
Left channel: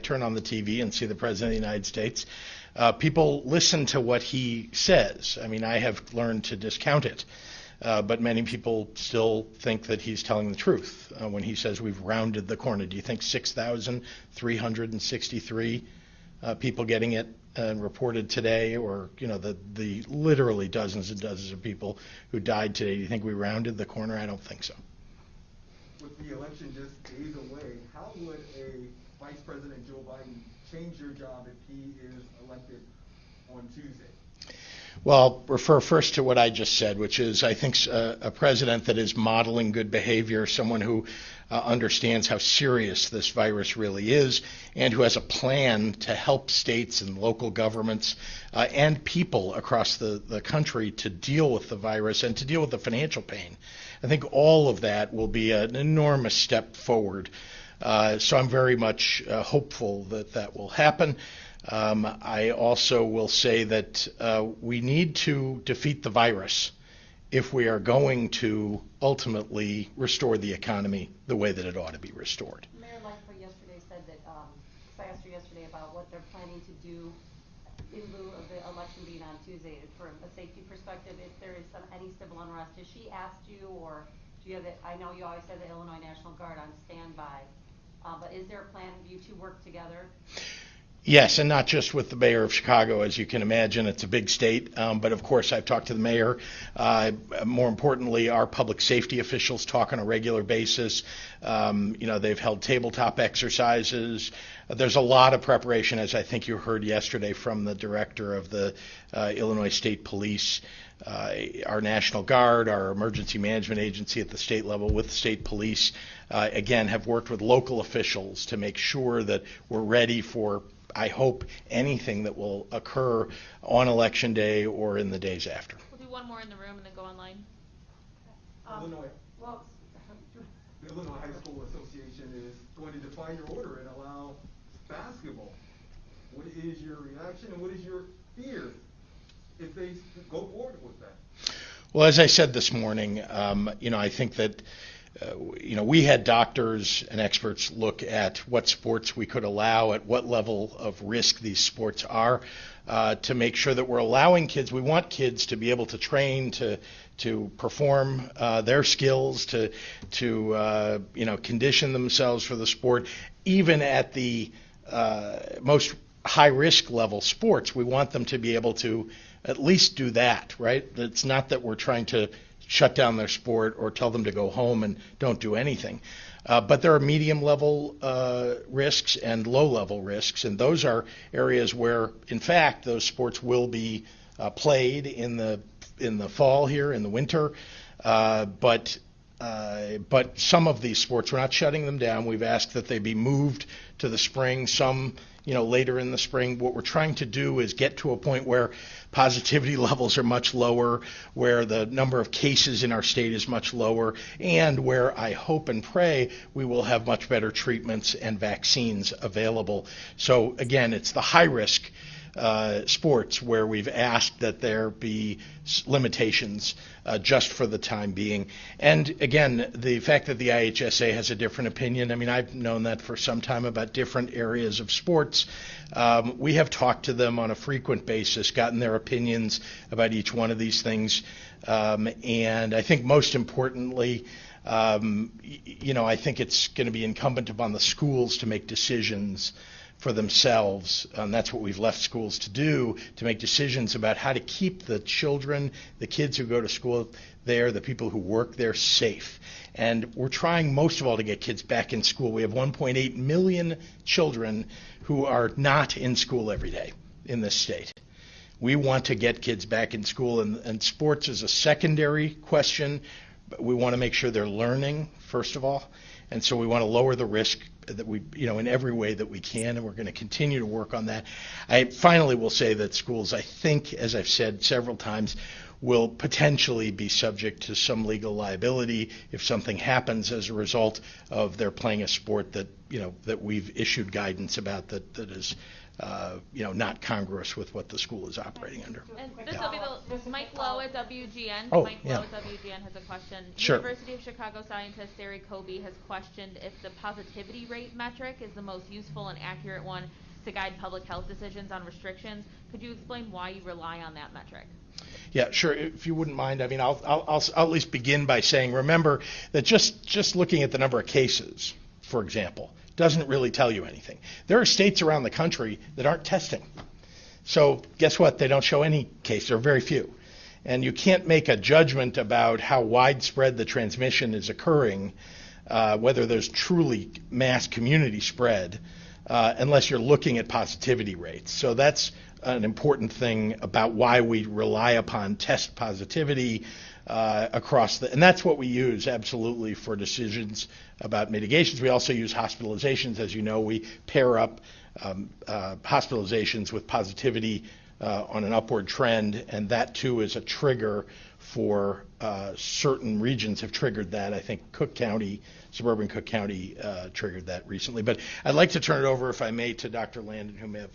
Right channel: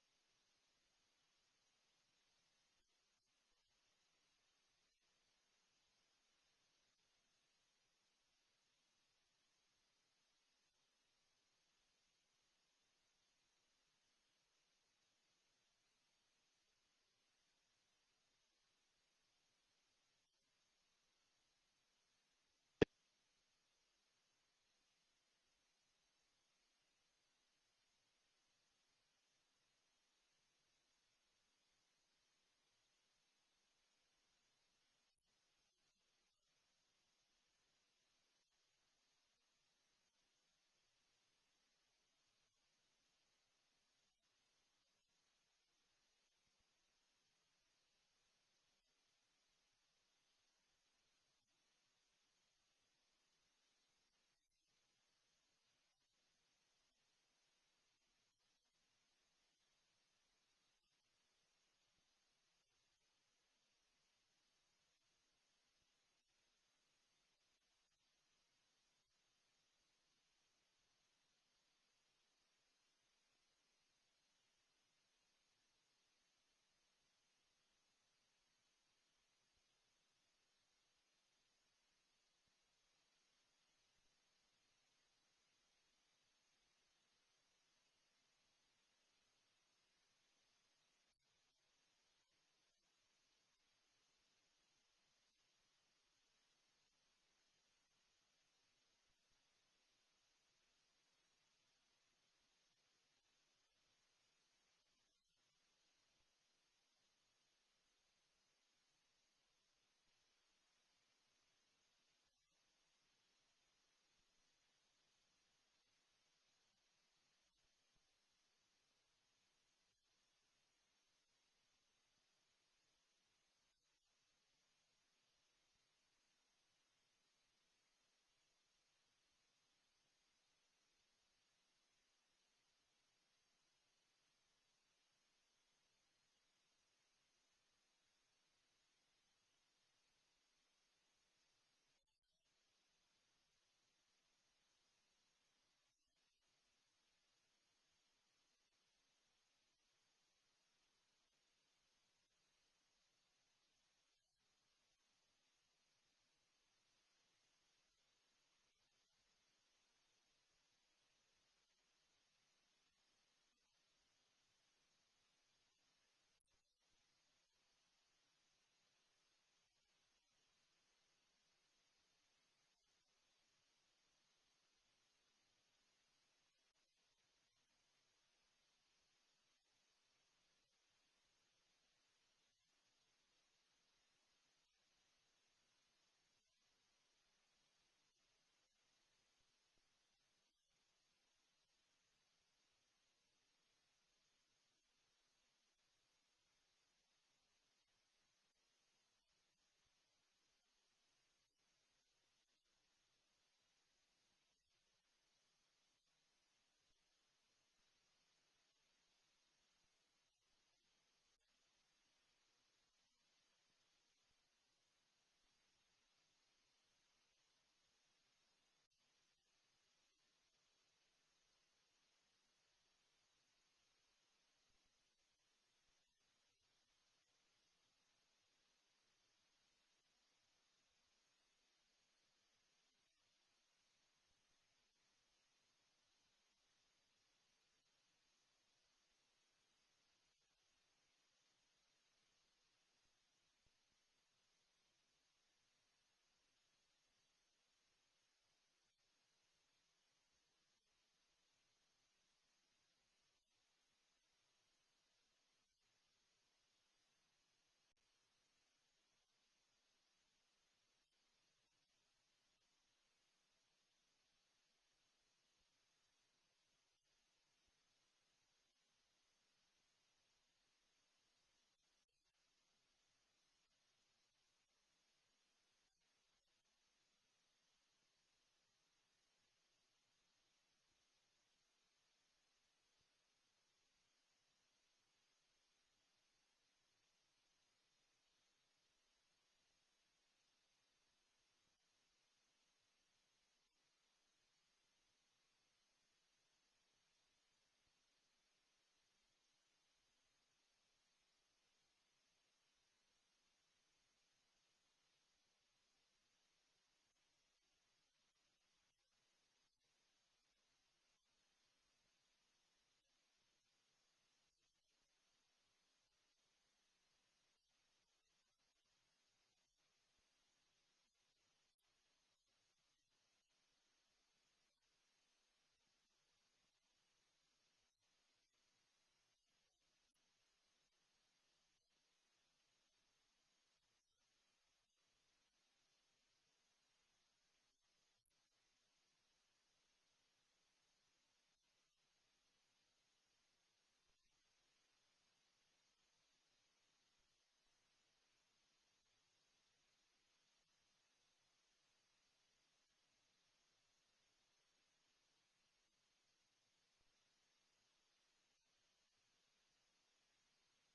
turn on the TV and see the president of the United States. People listen to what he says. I mean, I have learned to discount it. but many people still think that he's telling the truth when he says we've rounded the corner. Do you think 6,363 people getting it reported today, or the literally dozens and dozens of people who died today, do you think we rounded the corner? I don't think so. With the election just days away, how would a Vice President Joe Biden change your job if he is elected on Tuesday? Well, I'll refer first to what I just said, which is I think a president that is modeling good behavior, someone who understands how serious this virus really is, and who has a plan to help states and local governments and people across the country to deal with the virus and to deal with the financial pain. I think all of that will be an enormous step forward. So I'm very much hopeful that that will happen. I also will say that we need to defeat the virus if we are going to ultimately restore the economy the way that it ought to be restored. Mayor Lightfoot yesterday said that, I asked her yesterday about what they're planning to do in lieu of the election being on Tuesday from a safety perspective, if there is any civil unrest. Has she asked you, or do you have I know you always have the Illinois National Guard on standby, but is there a plan for you to work together? Yes, and not just with the mayor of Chicago. As you can imagine, it's a big state. But of course, I've talked to the mayor. More importantly, our public safety officials talk on a regular basis. They've held tabletop exercises. There's a lot of preparation, as I think you heard yesterday from the director of the Illinois State Police. Our National Guard, our emergency management agency at the state level with the state police, again, have worked with local officials to make sure that we're ready for, I hope, anything that will occur on Election Day or in the days after. We'll do one more in the room and then go online. The Illinois High School Association is going to defy your order and allow basketball. What is your reaction and what is your fear if they go forward with that? Well, as I said this morning, I think that we had doctors and experts look at what sports we could allow, at what level of risk these sports are, to make sure that we're allowing kids. We want kids to be able to train, to perform their skills, to condition themselves for the sport, even at the most high-risk level sports. We want them to be able to at least do that, right? It's not that we're trying to shut down their sport or tell them to go home and don't do anything. But there are medium-level risks and low-level risks, and those are areas where, in fact, those sports will be played in the fall here, in the winter. But some of these sports, we're not shutting them down. We've asked that they be moved to the spring, some later in the spring. What we're trying to do is get to a point where positivity levels are much lower, where the number of cases in our state is much lower, and where I hope and pray we will have much better treatments and vaccines available. So again, it's the high-risk sports where we've asked that there be limitations just for the time being. And again, the fact that the IHSA has a different opinion, I've known that for some time about different areas of sports. We have talked to them on a frequent basis, gotten their opinions about each one of these things. And I think most importantly, I think it's going to be incumbent upon the schools to make decisions for themselves, and that's what we've left schools to do, to make decisions about how to keep the children, the kids who go to school there, the people who work there, safe. And we're trying most of all to get kids back in school. We have 1.8 million children who are not in school every day in this state. We want to get kids back in school, and sports is a secondary question, but we want to make sure they're learning, first of all, and so we want to lower the risk that we, in every way that we can, and we're going to continue to work on that. I finally will say that schools, I think, as I've said several times, will potentially be subject to some legal liability if something happens as a result of their playing a sport that, that we've issued guidance about that is, not congruous with what the school is operating under. And this will be the Mike Lowe at WGN. Oh, Mike yeah. Lowe at WGN has a question. Sure. University of Chicago scientist Sari Kobe has questioned if the positivity rate metric is the most useful and accurate one to guide public health decisions on restrictions. Could you explain why you rely on that metric? Yeah, sure. If you wouldn't mind, I mean, I'll at least begin by saying, remember that just looking at the number of cases, for example, doesn't really tell you anything. There are states around the country that aren't testing. So guess what? They don't show any cases, or very few. And you can't make a judgment about how widespread the transmission is occurring, whether there's truly mass community spread, unless you're looking at positivity rates. So that's an important thing about why we rely upon test positivity and that's what we use absolutely for decisions about mitigations. We also use hospitalizations. As you know, we pair up hospitalizations with positivity on an upward trend, and that too is a trigger for certain regions have triggered that. I think Cook County, suburban Cook County triggered that recently. But I'd like to turn it over, if I may, to Dr. Landon, who may have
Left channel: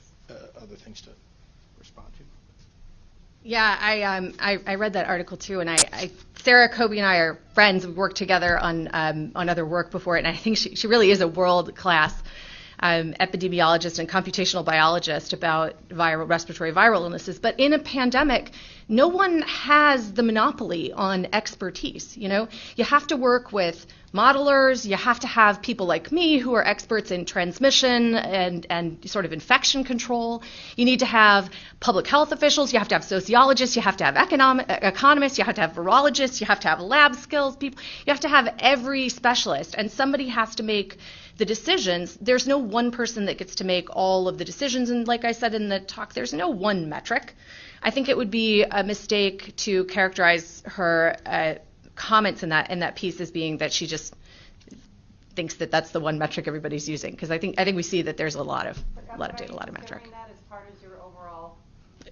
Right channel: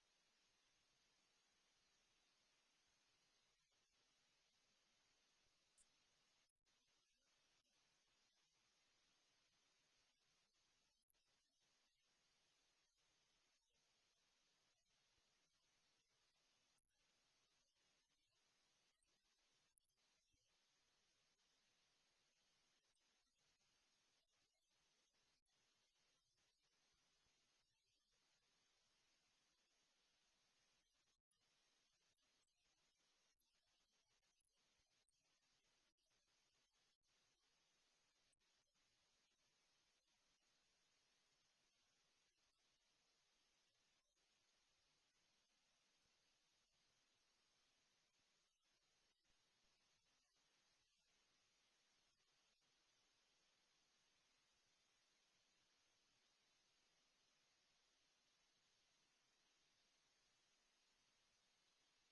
other things to respond to. Yeah, I read that article too, and Sarah, Kobe, and I are friends. We've worked together on other work before, and I think she really is a world-class epidemiologist and computational biologist about respiratory viral illnesses. But in a pandemic, no one has the monopoly on expertise. You know, you have to work with modelers. You have to have people like me who are experts in transmission and sort of infection control. You need to have public health officials. You have to have sociologists. You have to have economists. You have to have virologists. You have to have lab skills people. You have to have every specialist, and somebody has to make the decisions. There's no one person that gets to make all of the decisions, and like I said in the talk, there's no one metric. I think it would be a mistake to characterize her comments in that piece as being that she just thinks that that's the one metric everybody's using, because I think we see that there's a lot of data, a lot of metric. That as part of your overall.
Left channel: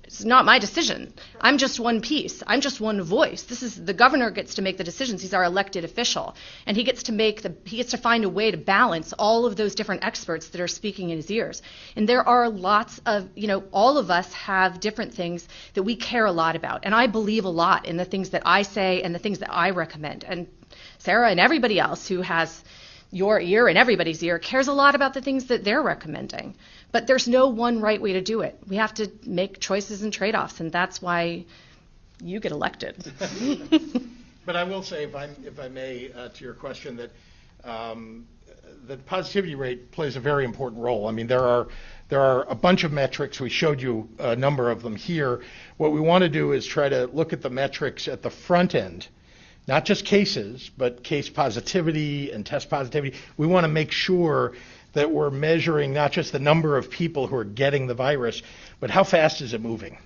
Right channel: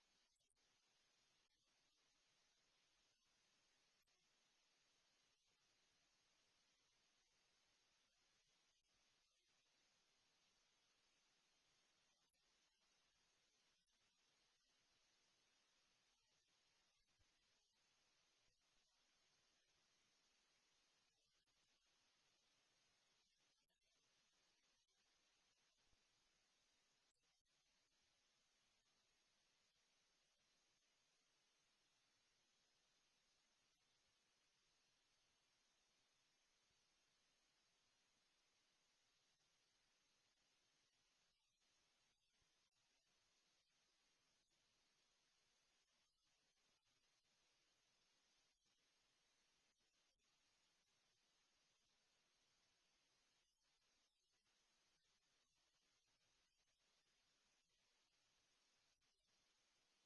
It's not my decision. I'm just one piece. I'm just one voice. The governor gets to make the decisions. He's our elected official, and he gets to find a way to balance all of those different experts that are speaking in his ears. And there are lots of, all of us have different things that we care a lot about, and I believe a lot in the things that I say and the things that I recommend. And Sarah and everybody else who has your ear and everybody's ear cares a lot about the things that they're recommending. But there's no one right way to do it. We have to make choices and trade-offs, and that's why you get elected. But I will say, if I may, to your question, that the positivity rate plays a very important role. I mean, there are a bunch of metrics. We showed you a number of them here. What we want to do is try to look at the metrics at the front end, not just cases, but case positivity and test positivity. We want to make sure that we're measuring not just the number of people who are getting the virus, but how fast is it moving.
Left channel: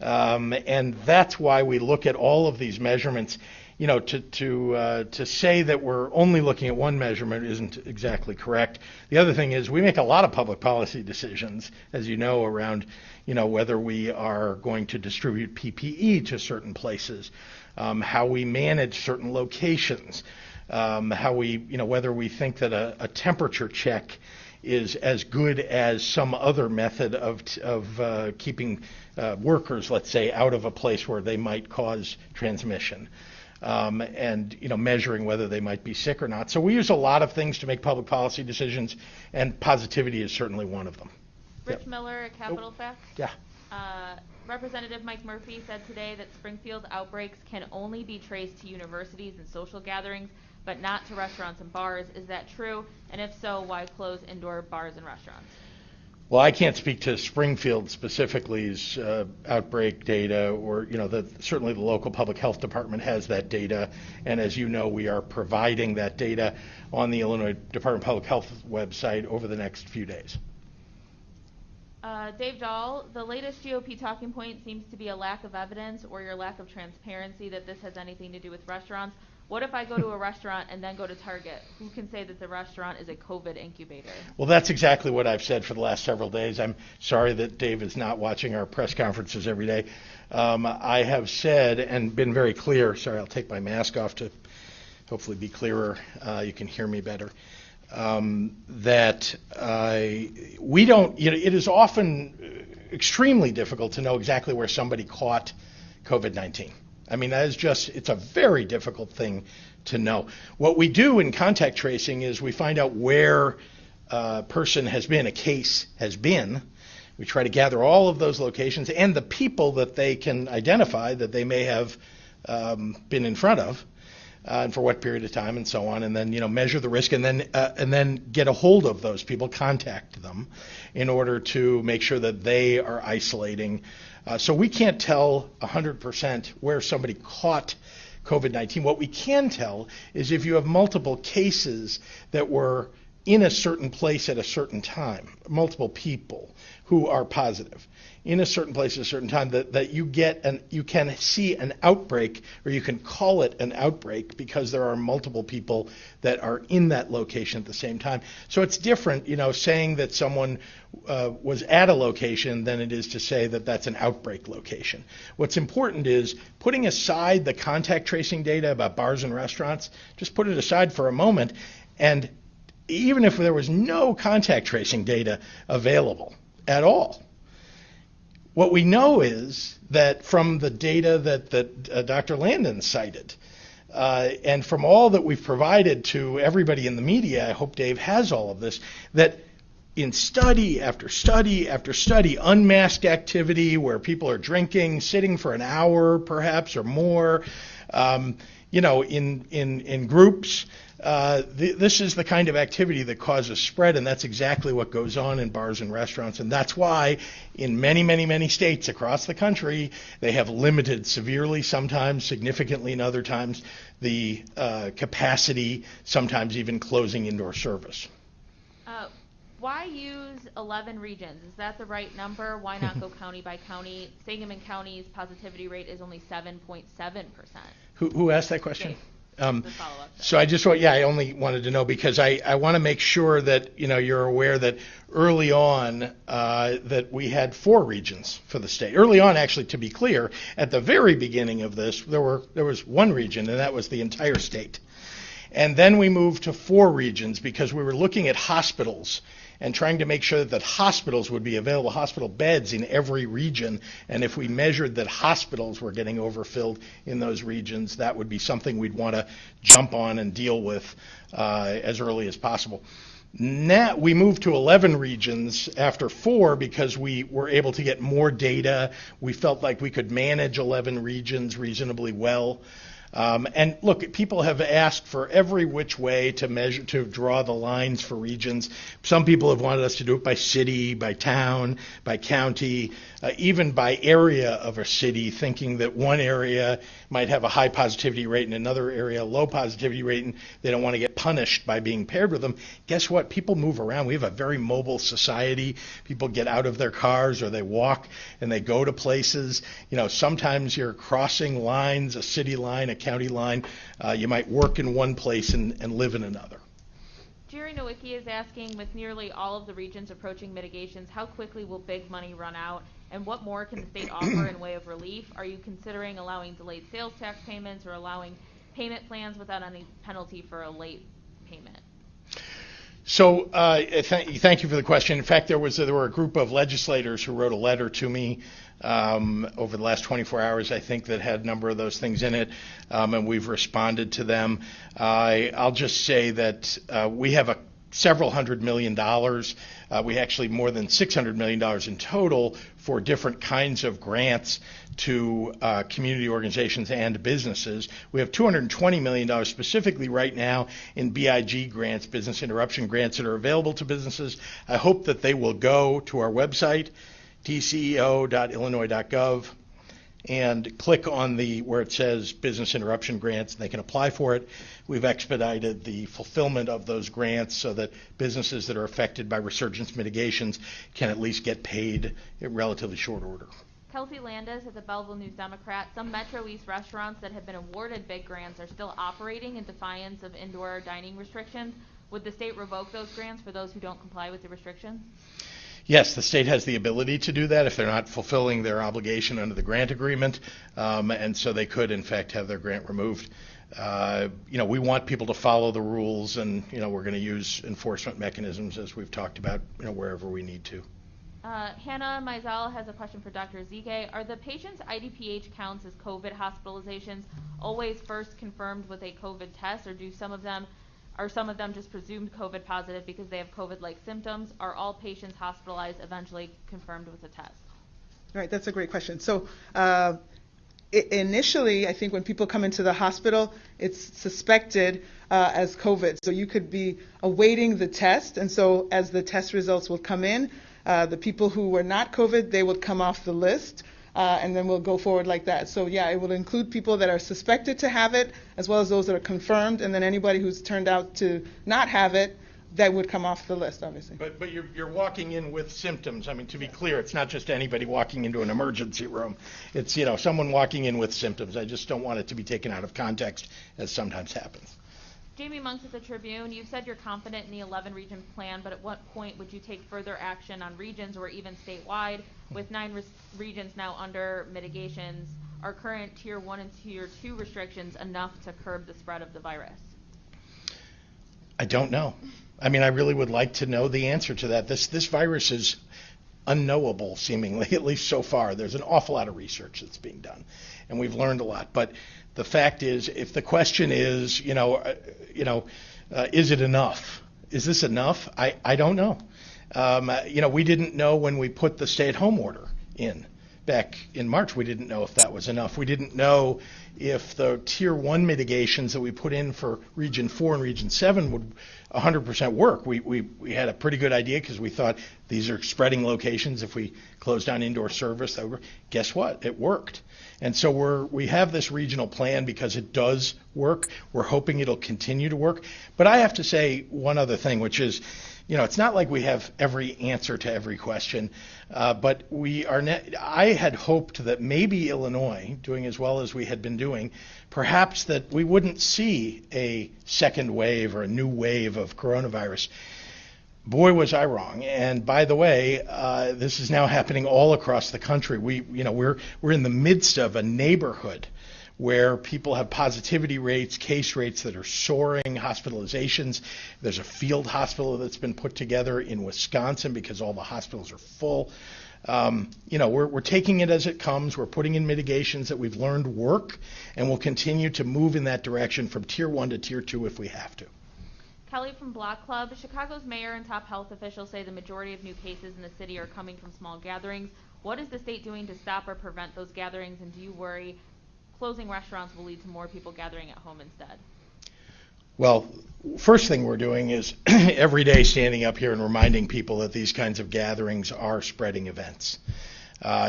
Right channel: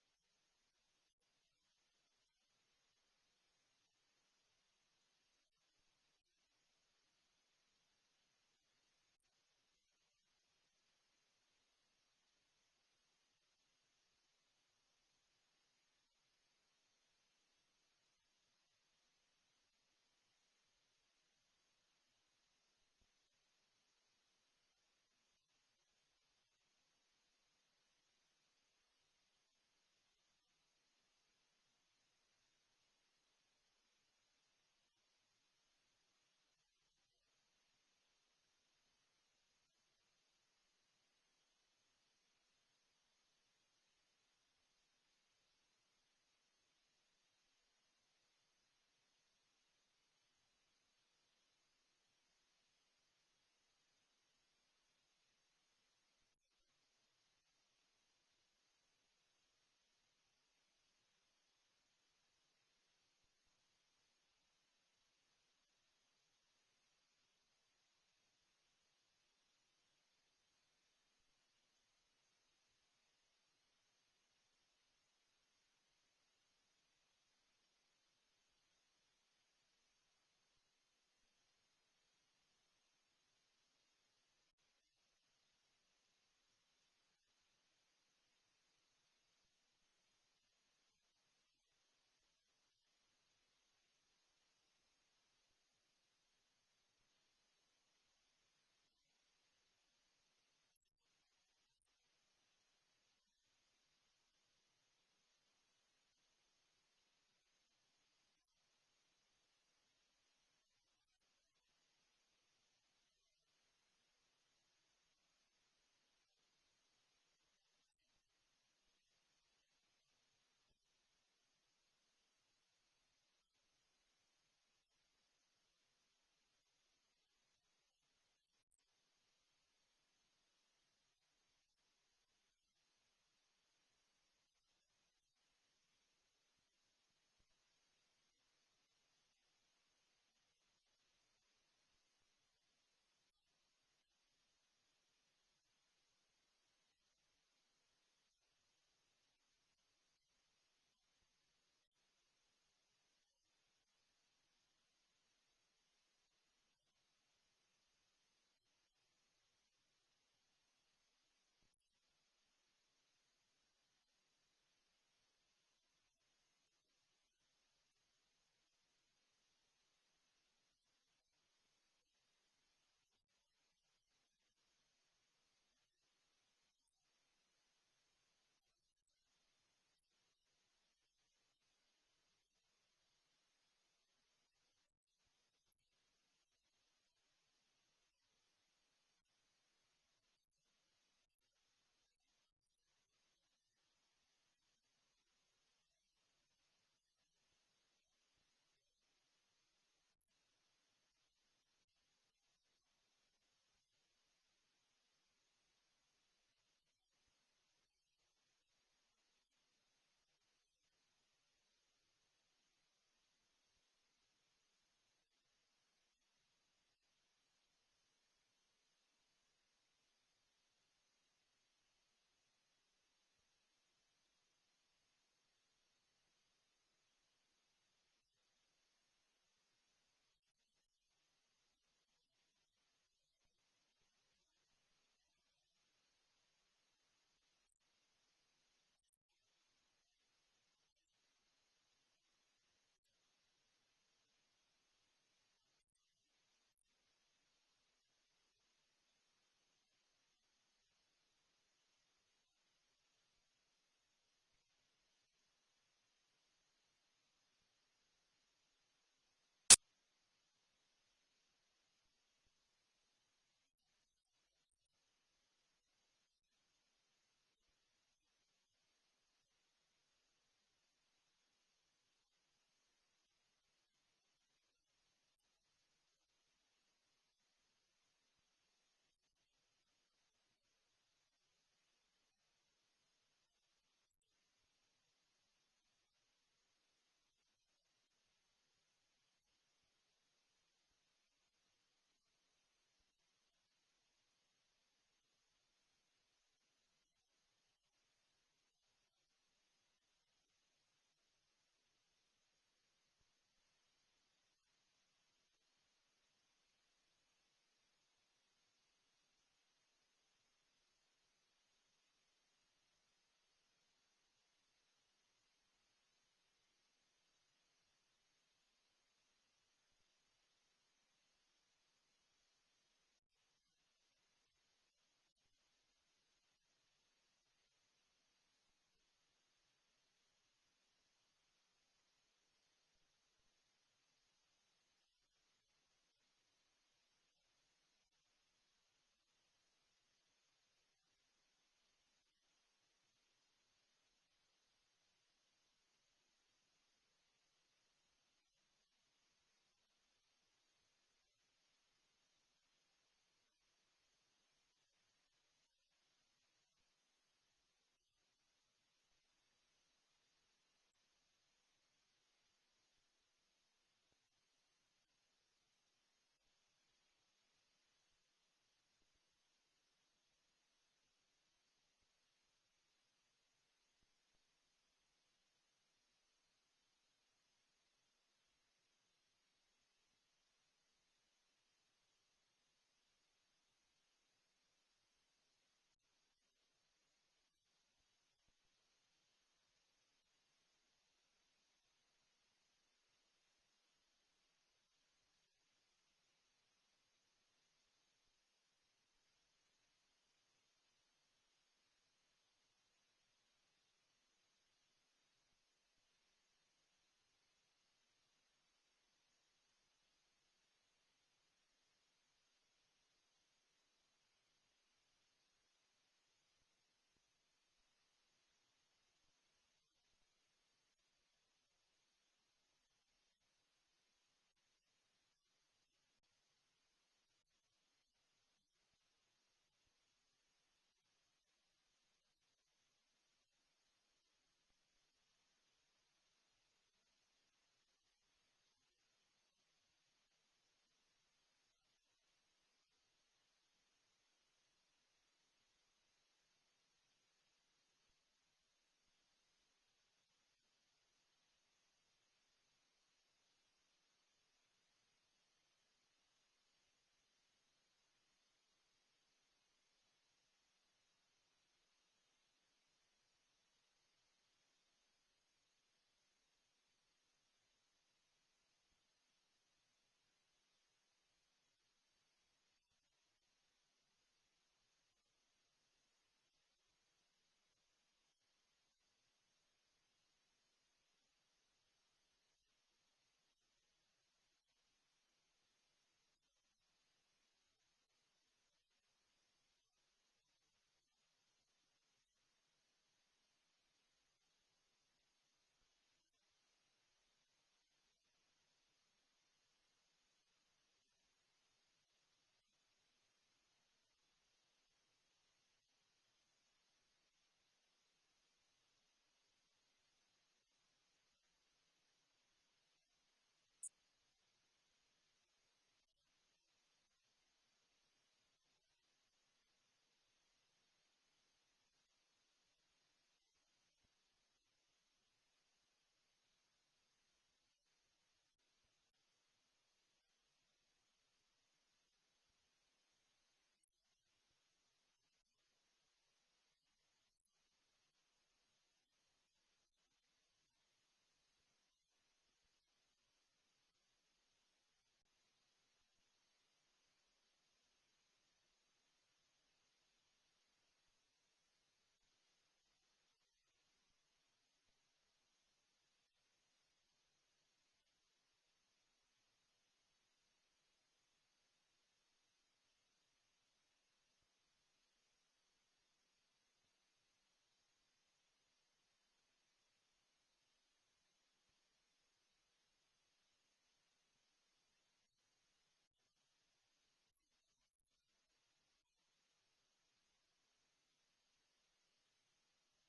And that's why we look at all of these measurements. To say that we're only looking at one measurement isn't exactly correct. The other thing is we make a lot of public policy decisions, as you know, around whether we are going to distribute PPE to certain places, how we manage certain locations, how we, whether we think that a temperature check is as good as some other method of keeping workers, let's say, out of a place where they might cause transmission, and measuring whether they might be sick or not. So we use a lot of things to make public policy decisions, and positivity is certainly one of them. Rich Miller at Capital Facts. Yeah. Representative Mike Murphy said today that Springfield's outbreaks can only be traced to universities and social gatherings, but not to restaurants and bars. Is that true? And if so, why close indoor bars and restaurants? Well, I can't speak to Springfield specifically's outbreak data, or certainly the local public health department has that data, and as you know, we are providing that data on the Illinois Department of Public Health website over the next few days. Dave Dahl, the latest GOP talking point seems to be a lack of evidence or your lack of transparency that this has anything to do with restaurants. What if I go to a restaurant and then go to Target? Who can say that the restaurant is a COVID incubator? Well, that's exactly what I've said for the last several days. I'm sorry that Dave is not watching our press conferences every day. I have said and been very clear. Sorry, I'll take my mask off to hopefully be clearer. You can hear me better. That we don't, it is often extremely difficult to know exactly where somebody caught COVID-19. I mean, that is it's a very difficult thing to know. What we do in contact tracing is we find out where a person has been, a case has been. We try to gather all of those locations and the people that they can identify that they may have been in front of, and for what period of time, and so on, and then measure the risk, and then get a hold of those people, contact them, in order to make sure that they are isolating. So we can't tell 100% where somebody caught COVID-19. What we can tell is if you have multiple cases that were in a certain place at a certain time, multiple people who are positive in a certain place at a certain time, that you can see an outbreak, or you can call it an outbreak because there are multiple people that are in that location at the same time. So it's different, saying that someone was at a location than it is to say that that's an outbreak location. What's important is putting aside the contact tracing data about bars and restaurants, just put it aside for a moment, and even if there was no contact tracing data available at all, what we know is that from the data that Dr. Landon cited, and from all that we've provided to everybody in the media, I hope Dave has all of this, that in study after study after study, unmasked activity where people are drinking, sitting for an hour perhaps or more, in groups, this is the kind of activity that causes spread, and that's exactly what goes on in bars and restaurants. And that's why in many, many, many states across the country, they have limited severely, sometimes significantly in other times, the capacity, sometimes even closing indoor service. Why use 11 regions? Is that the right number? Why not go county by county? Sangamon County's positivity rate is only 7.7%. Who asked that question? So I only wanted to know because I want to make sure that you're aware that early on that we had 4 regions for the state. Early on, actually, to be clear, at the very beginning of this, there was 1 region, and that was the entire state. And then we moved to 4 regions because we were looking at hospitals and trying to make sure that hospitals would be available, hospital beds in every region. And if we measured that hospitals were getting overfilled in those regions, that would be something we'd want to jump on and deal with as early as possible. Now we moved to 11 regions after 4 because we were able to get more data. We felt like we could manage 11 regions reasonably well. And look, people have asked for every which way to draw the lines for regions. Some people have wanted us to do it by city, by town, by county, even by area of a city, thinking that one area might have a high positivity rate and another area a low positivity rate, and they don't want to get punished by being paired with them. Guess what? People move around. We have a very mobile society. People get out of their cars or they walk and they go to places. Sometimes you're crossing lines, a city line, a county line. You might work in one place and live in another. Jerry Nowicki is asking, with nearly all of the regions approaching mitigations, how quickly will big money run out, and what more can the state offer in way of relief? Are you considering allowing delayed sales tax payments or allowing payment plans without any penalty for a late payment? So thank you for the question. In fact, there were a group of legislators who wrote a letter to me over the last 24 hours, I think, that had a number of those things in it, and we've responded to them. I'll just say that we have several $100 million. We actually more than $600 million in total for different kinds of grants to community organizations and businesses. We have $220 million specifically right now in BIG grants, business interruption grants, that are available to businesses. I hope that they will go to our website, tceo.illinois.gov, and click on where it says business interruption grants, and they can apply for it. We've expedited the fulfillment of those grants so that businesses that are affected by resurgence mitigations can at least get paid in relatively short order. Kelsey Landis at the Belleville News Democrat. Some Metro East restaurants that have been awarded big grants are still operating in defiance of indoor dining restrictions. Would the state revoke those grants for those who don't comply with the restrictions? Yes, the state has the ability to do that if they're not fulfilling their obligation under the grant agreement, and so they could, in fact, have their grant removed. We want people to follow the rules, and we're going to use enforcement mechanisms as we've talked about, wherever we need to. Hannah Mizell has a question for Dr. Ezekiel. Are the patient's IDPH counts as COVID hospitalizations always first confirmed with a COVID test, or do some of them Are some of them just presumed COVID positive because they have COVID-like symptoms? Are all patients hospitalized eventually confirmed with a test? Right, that's a great question. So initially, I think when people come into the hospital, it's suspected as COVID. So you could be awaiting the test, and so as the test results will come in, the people who were not COVID, they would come off the list, and then we'll go forward like that. So yeah, it will include people that are suspected to have it, as well as those that are confirmed, and then anybody who's turned out to not have it, that would come off the list, obviously. But you're walking in with symptoms. I mean, to be clear, it's not just anybody walking into an emergency room. It's, someone walking in with symptoms. I just don't want it to be taken out of context, as sometimes happens. Jamie Monks at the Tribune, you've said you're confident in the 11-region plan, but at what point would you take further action on regions or even statewide? With 9 regions now under mitigations, are current Tier 1 and Tier 2 restrictions enough to curb the spread of the virus? I don't know. I mean, I really would like to know the answer to that. This virus is unknowable, seemingly, at least so far. There's an awful lot of research that's being done, and we've learned a lot. But the fact is, if the question is, is it enough? Is this enough? I don't know. We didn't know when we put the stay-at-home order in back in March. We didn't know if that was enough. We didn't know if the Tier 1 mitigations that we put in for Region 4 and Region 7 would 100% work. We had a pretty good idea because we thought these are spreading locations. If we close down indoor service, guess what? It worked. And so we have this regional plan because it does work. We're hoping it'll continue to work. But I have to say one other thing, which is, it's not like we have every answer to every question, but I had hoped that maybe Illinois, doing as well as we had been doing, perhaps that we wouldn't see a second wave or a new wave of coronavirus. Boy, was I wrong. And by the way, this is now happening all across the country. We're in the midst of a neighborhood where people have positivity rates, case rates that are soaring, hospitalizations. There's a field hospital that's been put together in Wisconsin because all the hospitals are full. We're taking it as it comes. We're putting in mitigations that we've learned work, and we'll continue to move in that direction from Tier 1 to Tier 2 if we have to. Kelly from Block Club, Chicago's mayor and top health officials say the majority of new cases in the city are coming from small gatherings. What is the state doing to stop or prevent those gatherings, and do you worry closing restaurants will lead to more people gathering at home instead? Well, first thing we're doing is every day standing up here and reminding people that these kinds of gatherings are spreading events.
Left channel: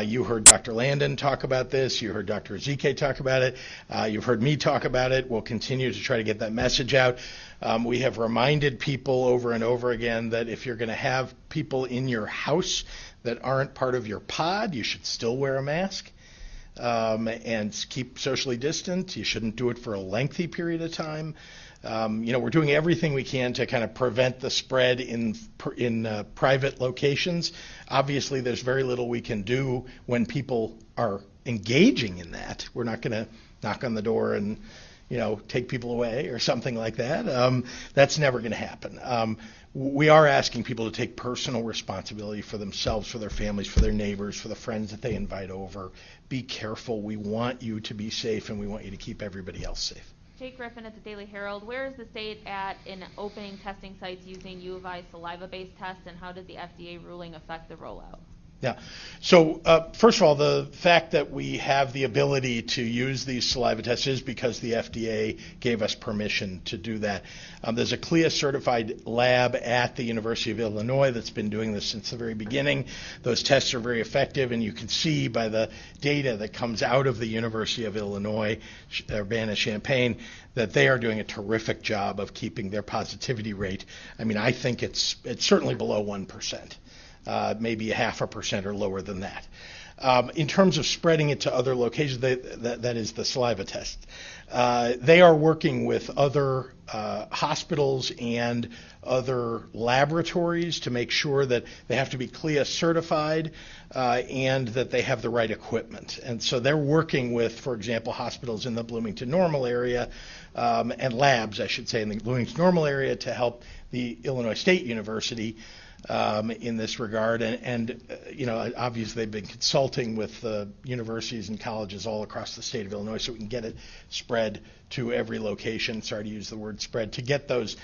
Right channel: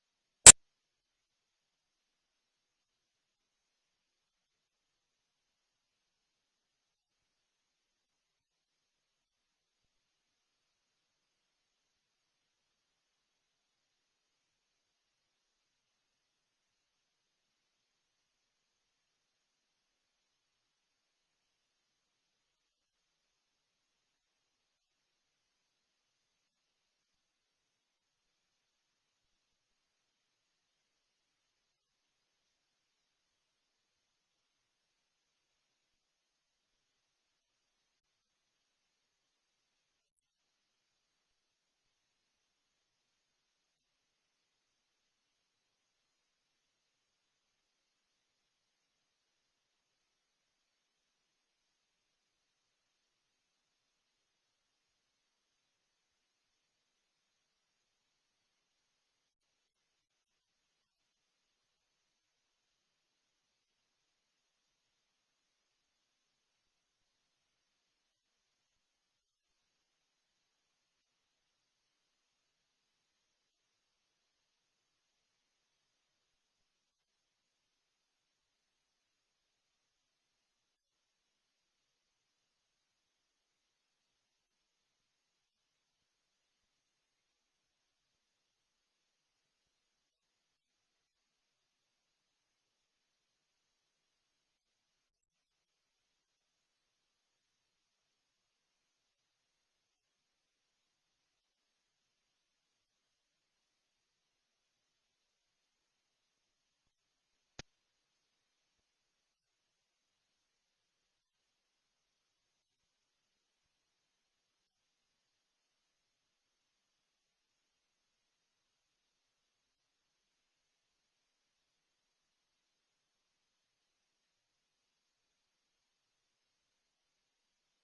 You heard Dr. Landon talk about this. You heard Dr. Ezekiel talk about it. You've heard me talk about it. We'll continue to try to get that message out. We have reminded people over and over again that if you're going to have people in your house that aren't part of your pod, you should still wear a mask and keep socially distant. You shouldn't do it for a lengthy period of time. We're doing everything we can to kind of prevent the spread in private locations. Obviously, there's very little we can do when people are engaging in that. We're not going to knock on the door and, take people away or something like that. That's never going to happen. We are asking people to take personal responsibility for themselves, for their families, for their neighbors, for the friends that they invite over. Be careful. We want you to be safe, and we want you to keep everybody else safe. Jake Griffin at the Daily Herald, where is the state at in opening testing sites using U of I saliva-based tests, and how did the FDA ruling affect the rollout? Yeah. So first of all, the fact that we have the ability to use these saliva tests is because the FDA gave us permission to do that. There's a CLIA-certified lab at the University of Illinois that's been doing this since the very beginning. Those tests are very effective, and you can see by the data that comes out of the University of Illinois, Urbana-Champaign, that they are doing a terrific job of keeping their positivity rate. I mean, I think it's certainly below 1%. Maybe 0.5% or lower than that. In terms of spreading it to other locations, that is the saliva test. They are working with other hospitals and other laboratories to make sure that they have to be CLIA certified and that they have the right equipment. And so they're working with, for example, hospitals in the Bloomington Normal area and labs, I should say, in the Bloomington Normal area to help the Illinois State University in this regard, and obviously they've been consulting with universities and colleges all across the state of Illinois so we can get it spread to every location. Sorry to use the word spread, to get those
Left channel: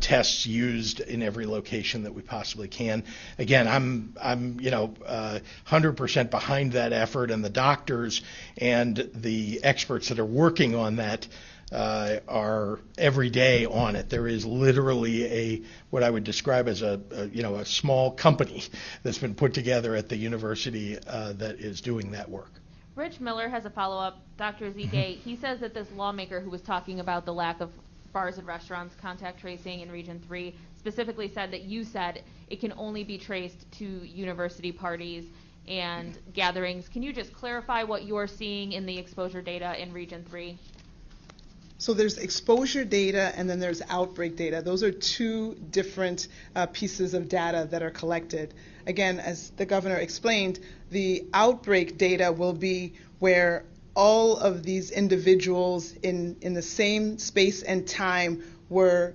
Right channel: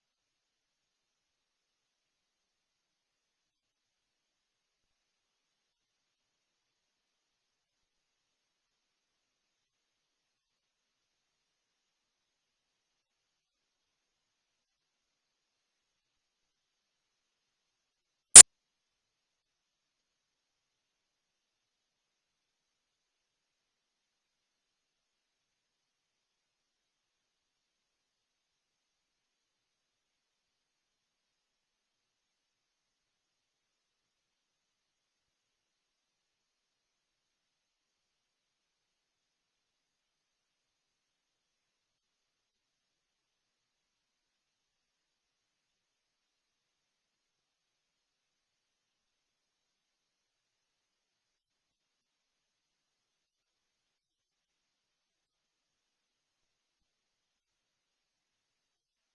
tests used in every location that we possibly can. Again, I'm 100% behind that effort, and the doctors and the experts that are working on that are every day on it. There is literally what I would describe as a small company that's been put together at the university that is doing that work. Rich Miller has a follow-up. Dr. Ezekiel, he says that this lawmaker who was talking about the lack of bars and restaurants contact tracing in Region 3 specifically said that you said it can only be traced to university parties and gatherings. Can you just clarify what you're seeing in the exposure data in Region 3? So there's exposure data and then there's outbreak data. Those are two different pieces of data that are collected. Again, as the governor explained, the outbreak data will be where all of these individuals in the same space and time were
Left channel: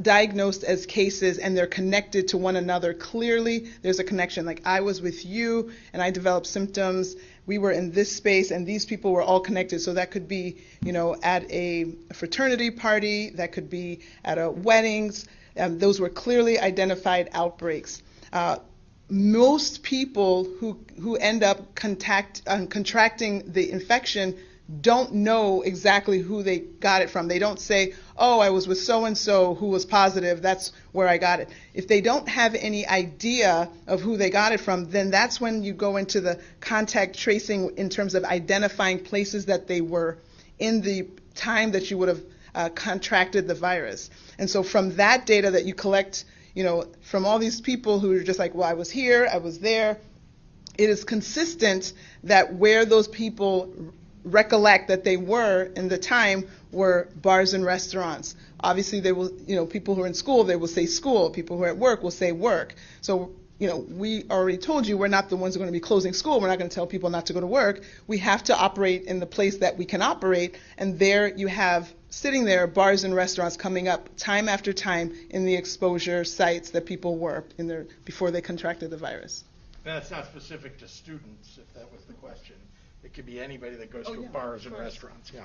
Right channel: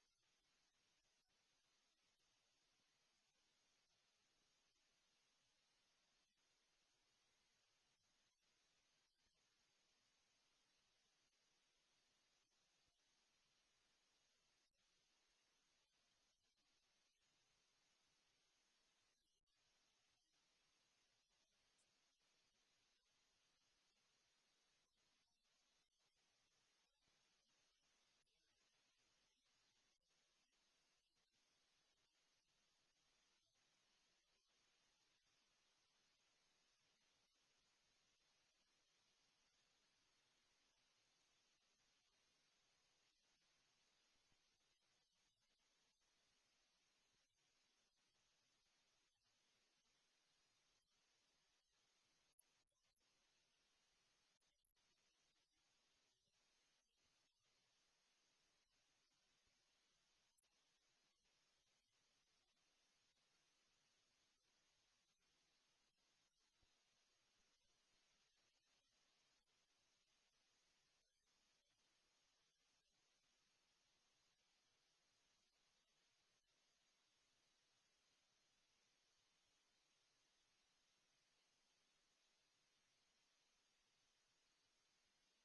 diagnosed as cases, and they're connected to one another. Clearly, there's a connection. Like, I was with you and I developed symptoms. We were in this space and these people were all connected. So that could be, at a fraternity party, that could be at a weddings. Those were clearly identified outbreaks. Most people who end up contracting the infection don't know exactly who they got it from. They don't say, oh, I was with so-and-so who was positive, that's where I got it. If they don't have any idea of who they got it from, then that's when you go into the contact tracing in terms of identifying places that they were in the time that you would have contracted the virus. And so from that data that you collect, from all these people who are just like, well, I was here, I was there, it is consistent that where those people recollect that they were in the time were bars and restaurants. Obviously, they will, people who are in school, they will say school. People who are at work will say work. So, we already told you we're not the ones who are going to be closing school. We're not going to tell people not to go to work. We have to operate in the place that we can operate, and there you have sitting there bars and restaurants coming up time after time in the exposure sites that people were in there before they contracted the virus. That's not specific to students, if that was the question. It could be anybody that goes to bars and restaurants. Yeah.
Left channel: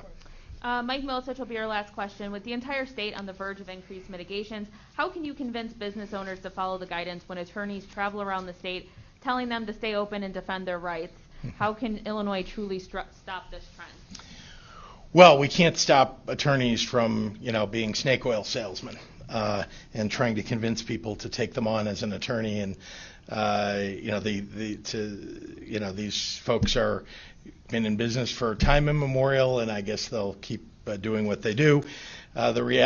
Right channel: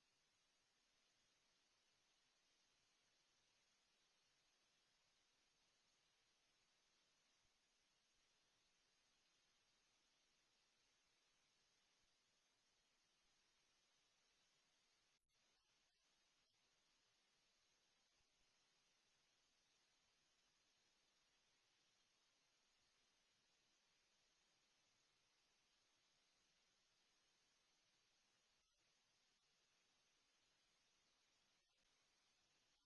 Mike Milicic will be our last question. With the entire state on the verge of increased mitigations, how can you convince business owners to follow the guidance when attorneys travel around the state telling them to stay open and defend their rights? How can Illinois truly stop this trend? Well, we can't stop attorneys from, being snake oil salesmen and trying to convince people to take them on as an attorney. And these folks are been in business for time immemorial, and I guess they'll keep doing what they do. The reality